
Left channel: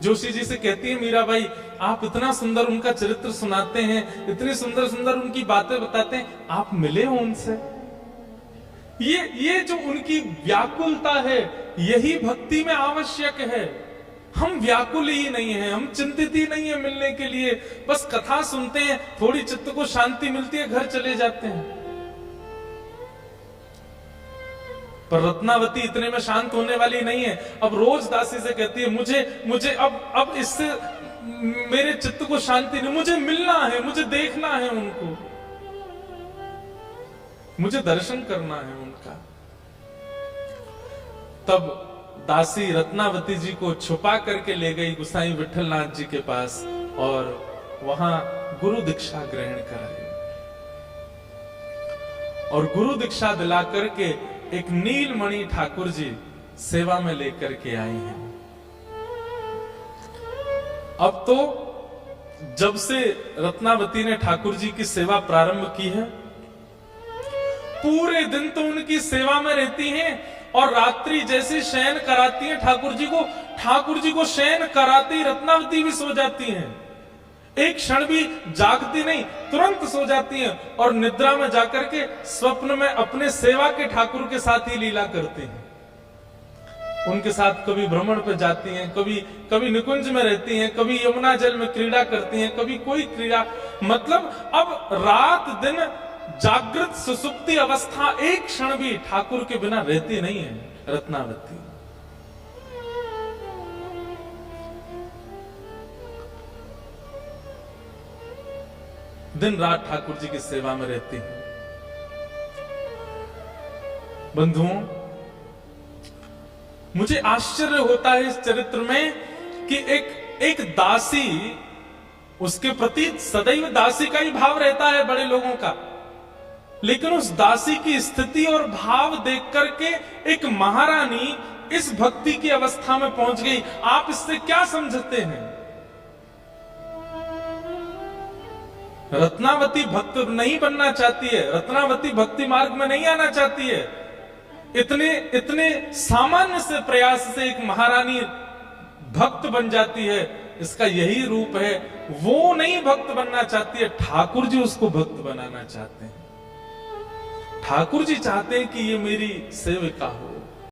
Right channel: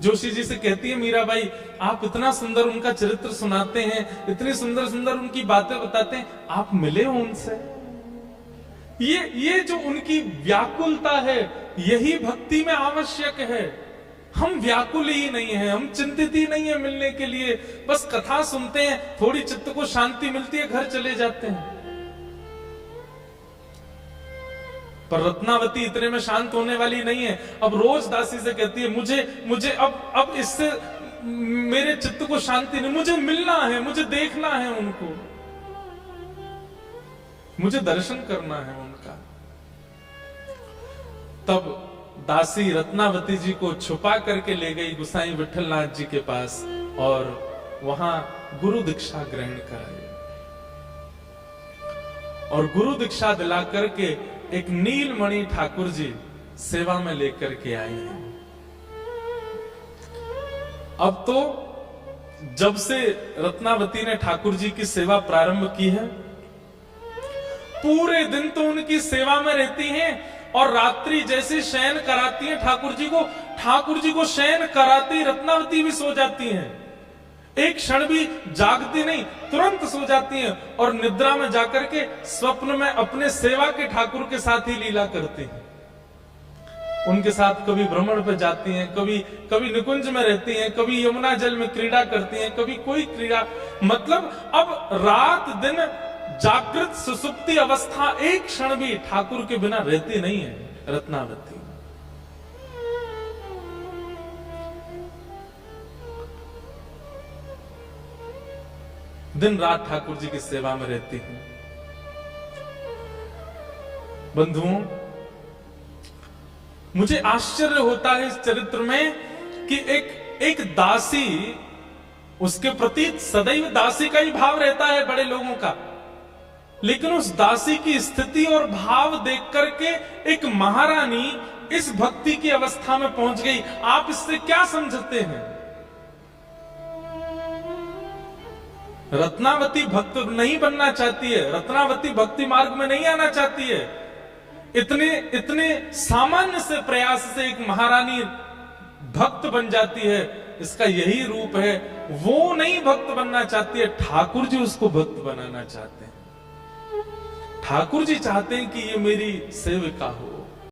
जोशी जी से कहती है मीरा बाई, आप इतना सुंदर उनका चरित्र सुनाते हैं, इतनी सुंदर सुंदर उनकी बातें बताते हैं, आप मिले हो उनसे। ये जो उनकी व्याकुलता है, यही भक्ति में आवश्यक है। हम व्याकुल ही नहीं हैं, हम चिंतित ही नहीं है मिलने के लिए, बस कथा सुनते हैं, थोड़ी चित्त को शांति मिलती है, घर चले जाते हैं। पर रत्नावती इतने में शांत होने वाली नहीं है। अब रोज दासी से कहती है मुझे अब इससे मेरे चित्त को शांति नहीं, मुझे मिलना है, मुझे देखना है उनको, मुझे दर्शन करना है उनका। तब दासी रत्नावती जी को छुपा करके ले गई गुसाई विठलनाथ जी के पास और वहां गुरु दीक्षा ग्रहण कराई। और गुरु दीक्षा दिला करके एक नीलमणि ठाकुर जी सेवा में लेकर के आई हैं। अब तो जब से रत्नावती ने ठाकुर जी की सेवा प्रारंभ की है, पूरे दिन तो उनकी सेवा में रहती हैं और रात्रि जैसे शयन कराती हैं ठाकुर जी को शयन कराती रत्नावती भी सो जाती हैं। एक क्षण भी जागती नहीं, तुरंत सो जाती हैं और निद्रा में जाकर के स्वप्न में अपने सेवा के ठाकुर के साथ ही लीला करती हैं। उनके साथ कभी भ्रमण पे जाती हैं, कभी निकुंज में रहती हैं, कभी यमुना जल में क्रीड़ा करती हैं, कभी कोई क्रीड़ा। मतलब अब रात दिन जागृत सुसुप्ति अवस्था एक क्षण भी ठाकुर के बिना रहती नहीं है रत्नावती। दिन रात ठाकुर जी की सेवा में रहती हूं। बंधुओं, मुझे आश्चर्य होता है इस चरित्र में कि एक दासी, उसके प्रति सदैव दासी का ही भाव रहता है बड़े लोगों का, लेकिन उस दासी की स्थिति और भाव देख करके एक महारानी इस भक्ति की अवस्था में पहुंच गई। आप इससे क्या समझते हैं? रत्नावती भक्त नहीं बनना चाहती है, रत्नावती भक्ति मार्ग में नहीं आना चाहती है। इतने सामान्य से प्रयास से एक महारानी भक्त बन जाती है, इसका यही रूप है। वो नहीं भक्त बनना चाहती है, ठाकुर जी उसको भक्त बनाना चाहते हैं। ठाकुर जी चाहते हैं कि ये मेरी सेविका हो,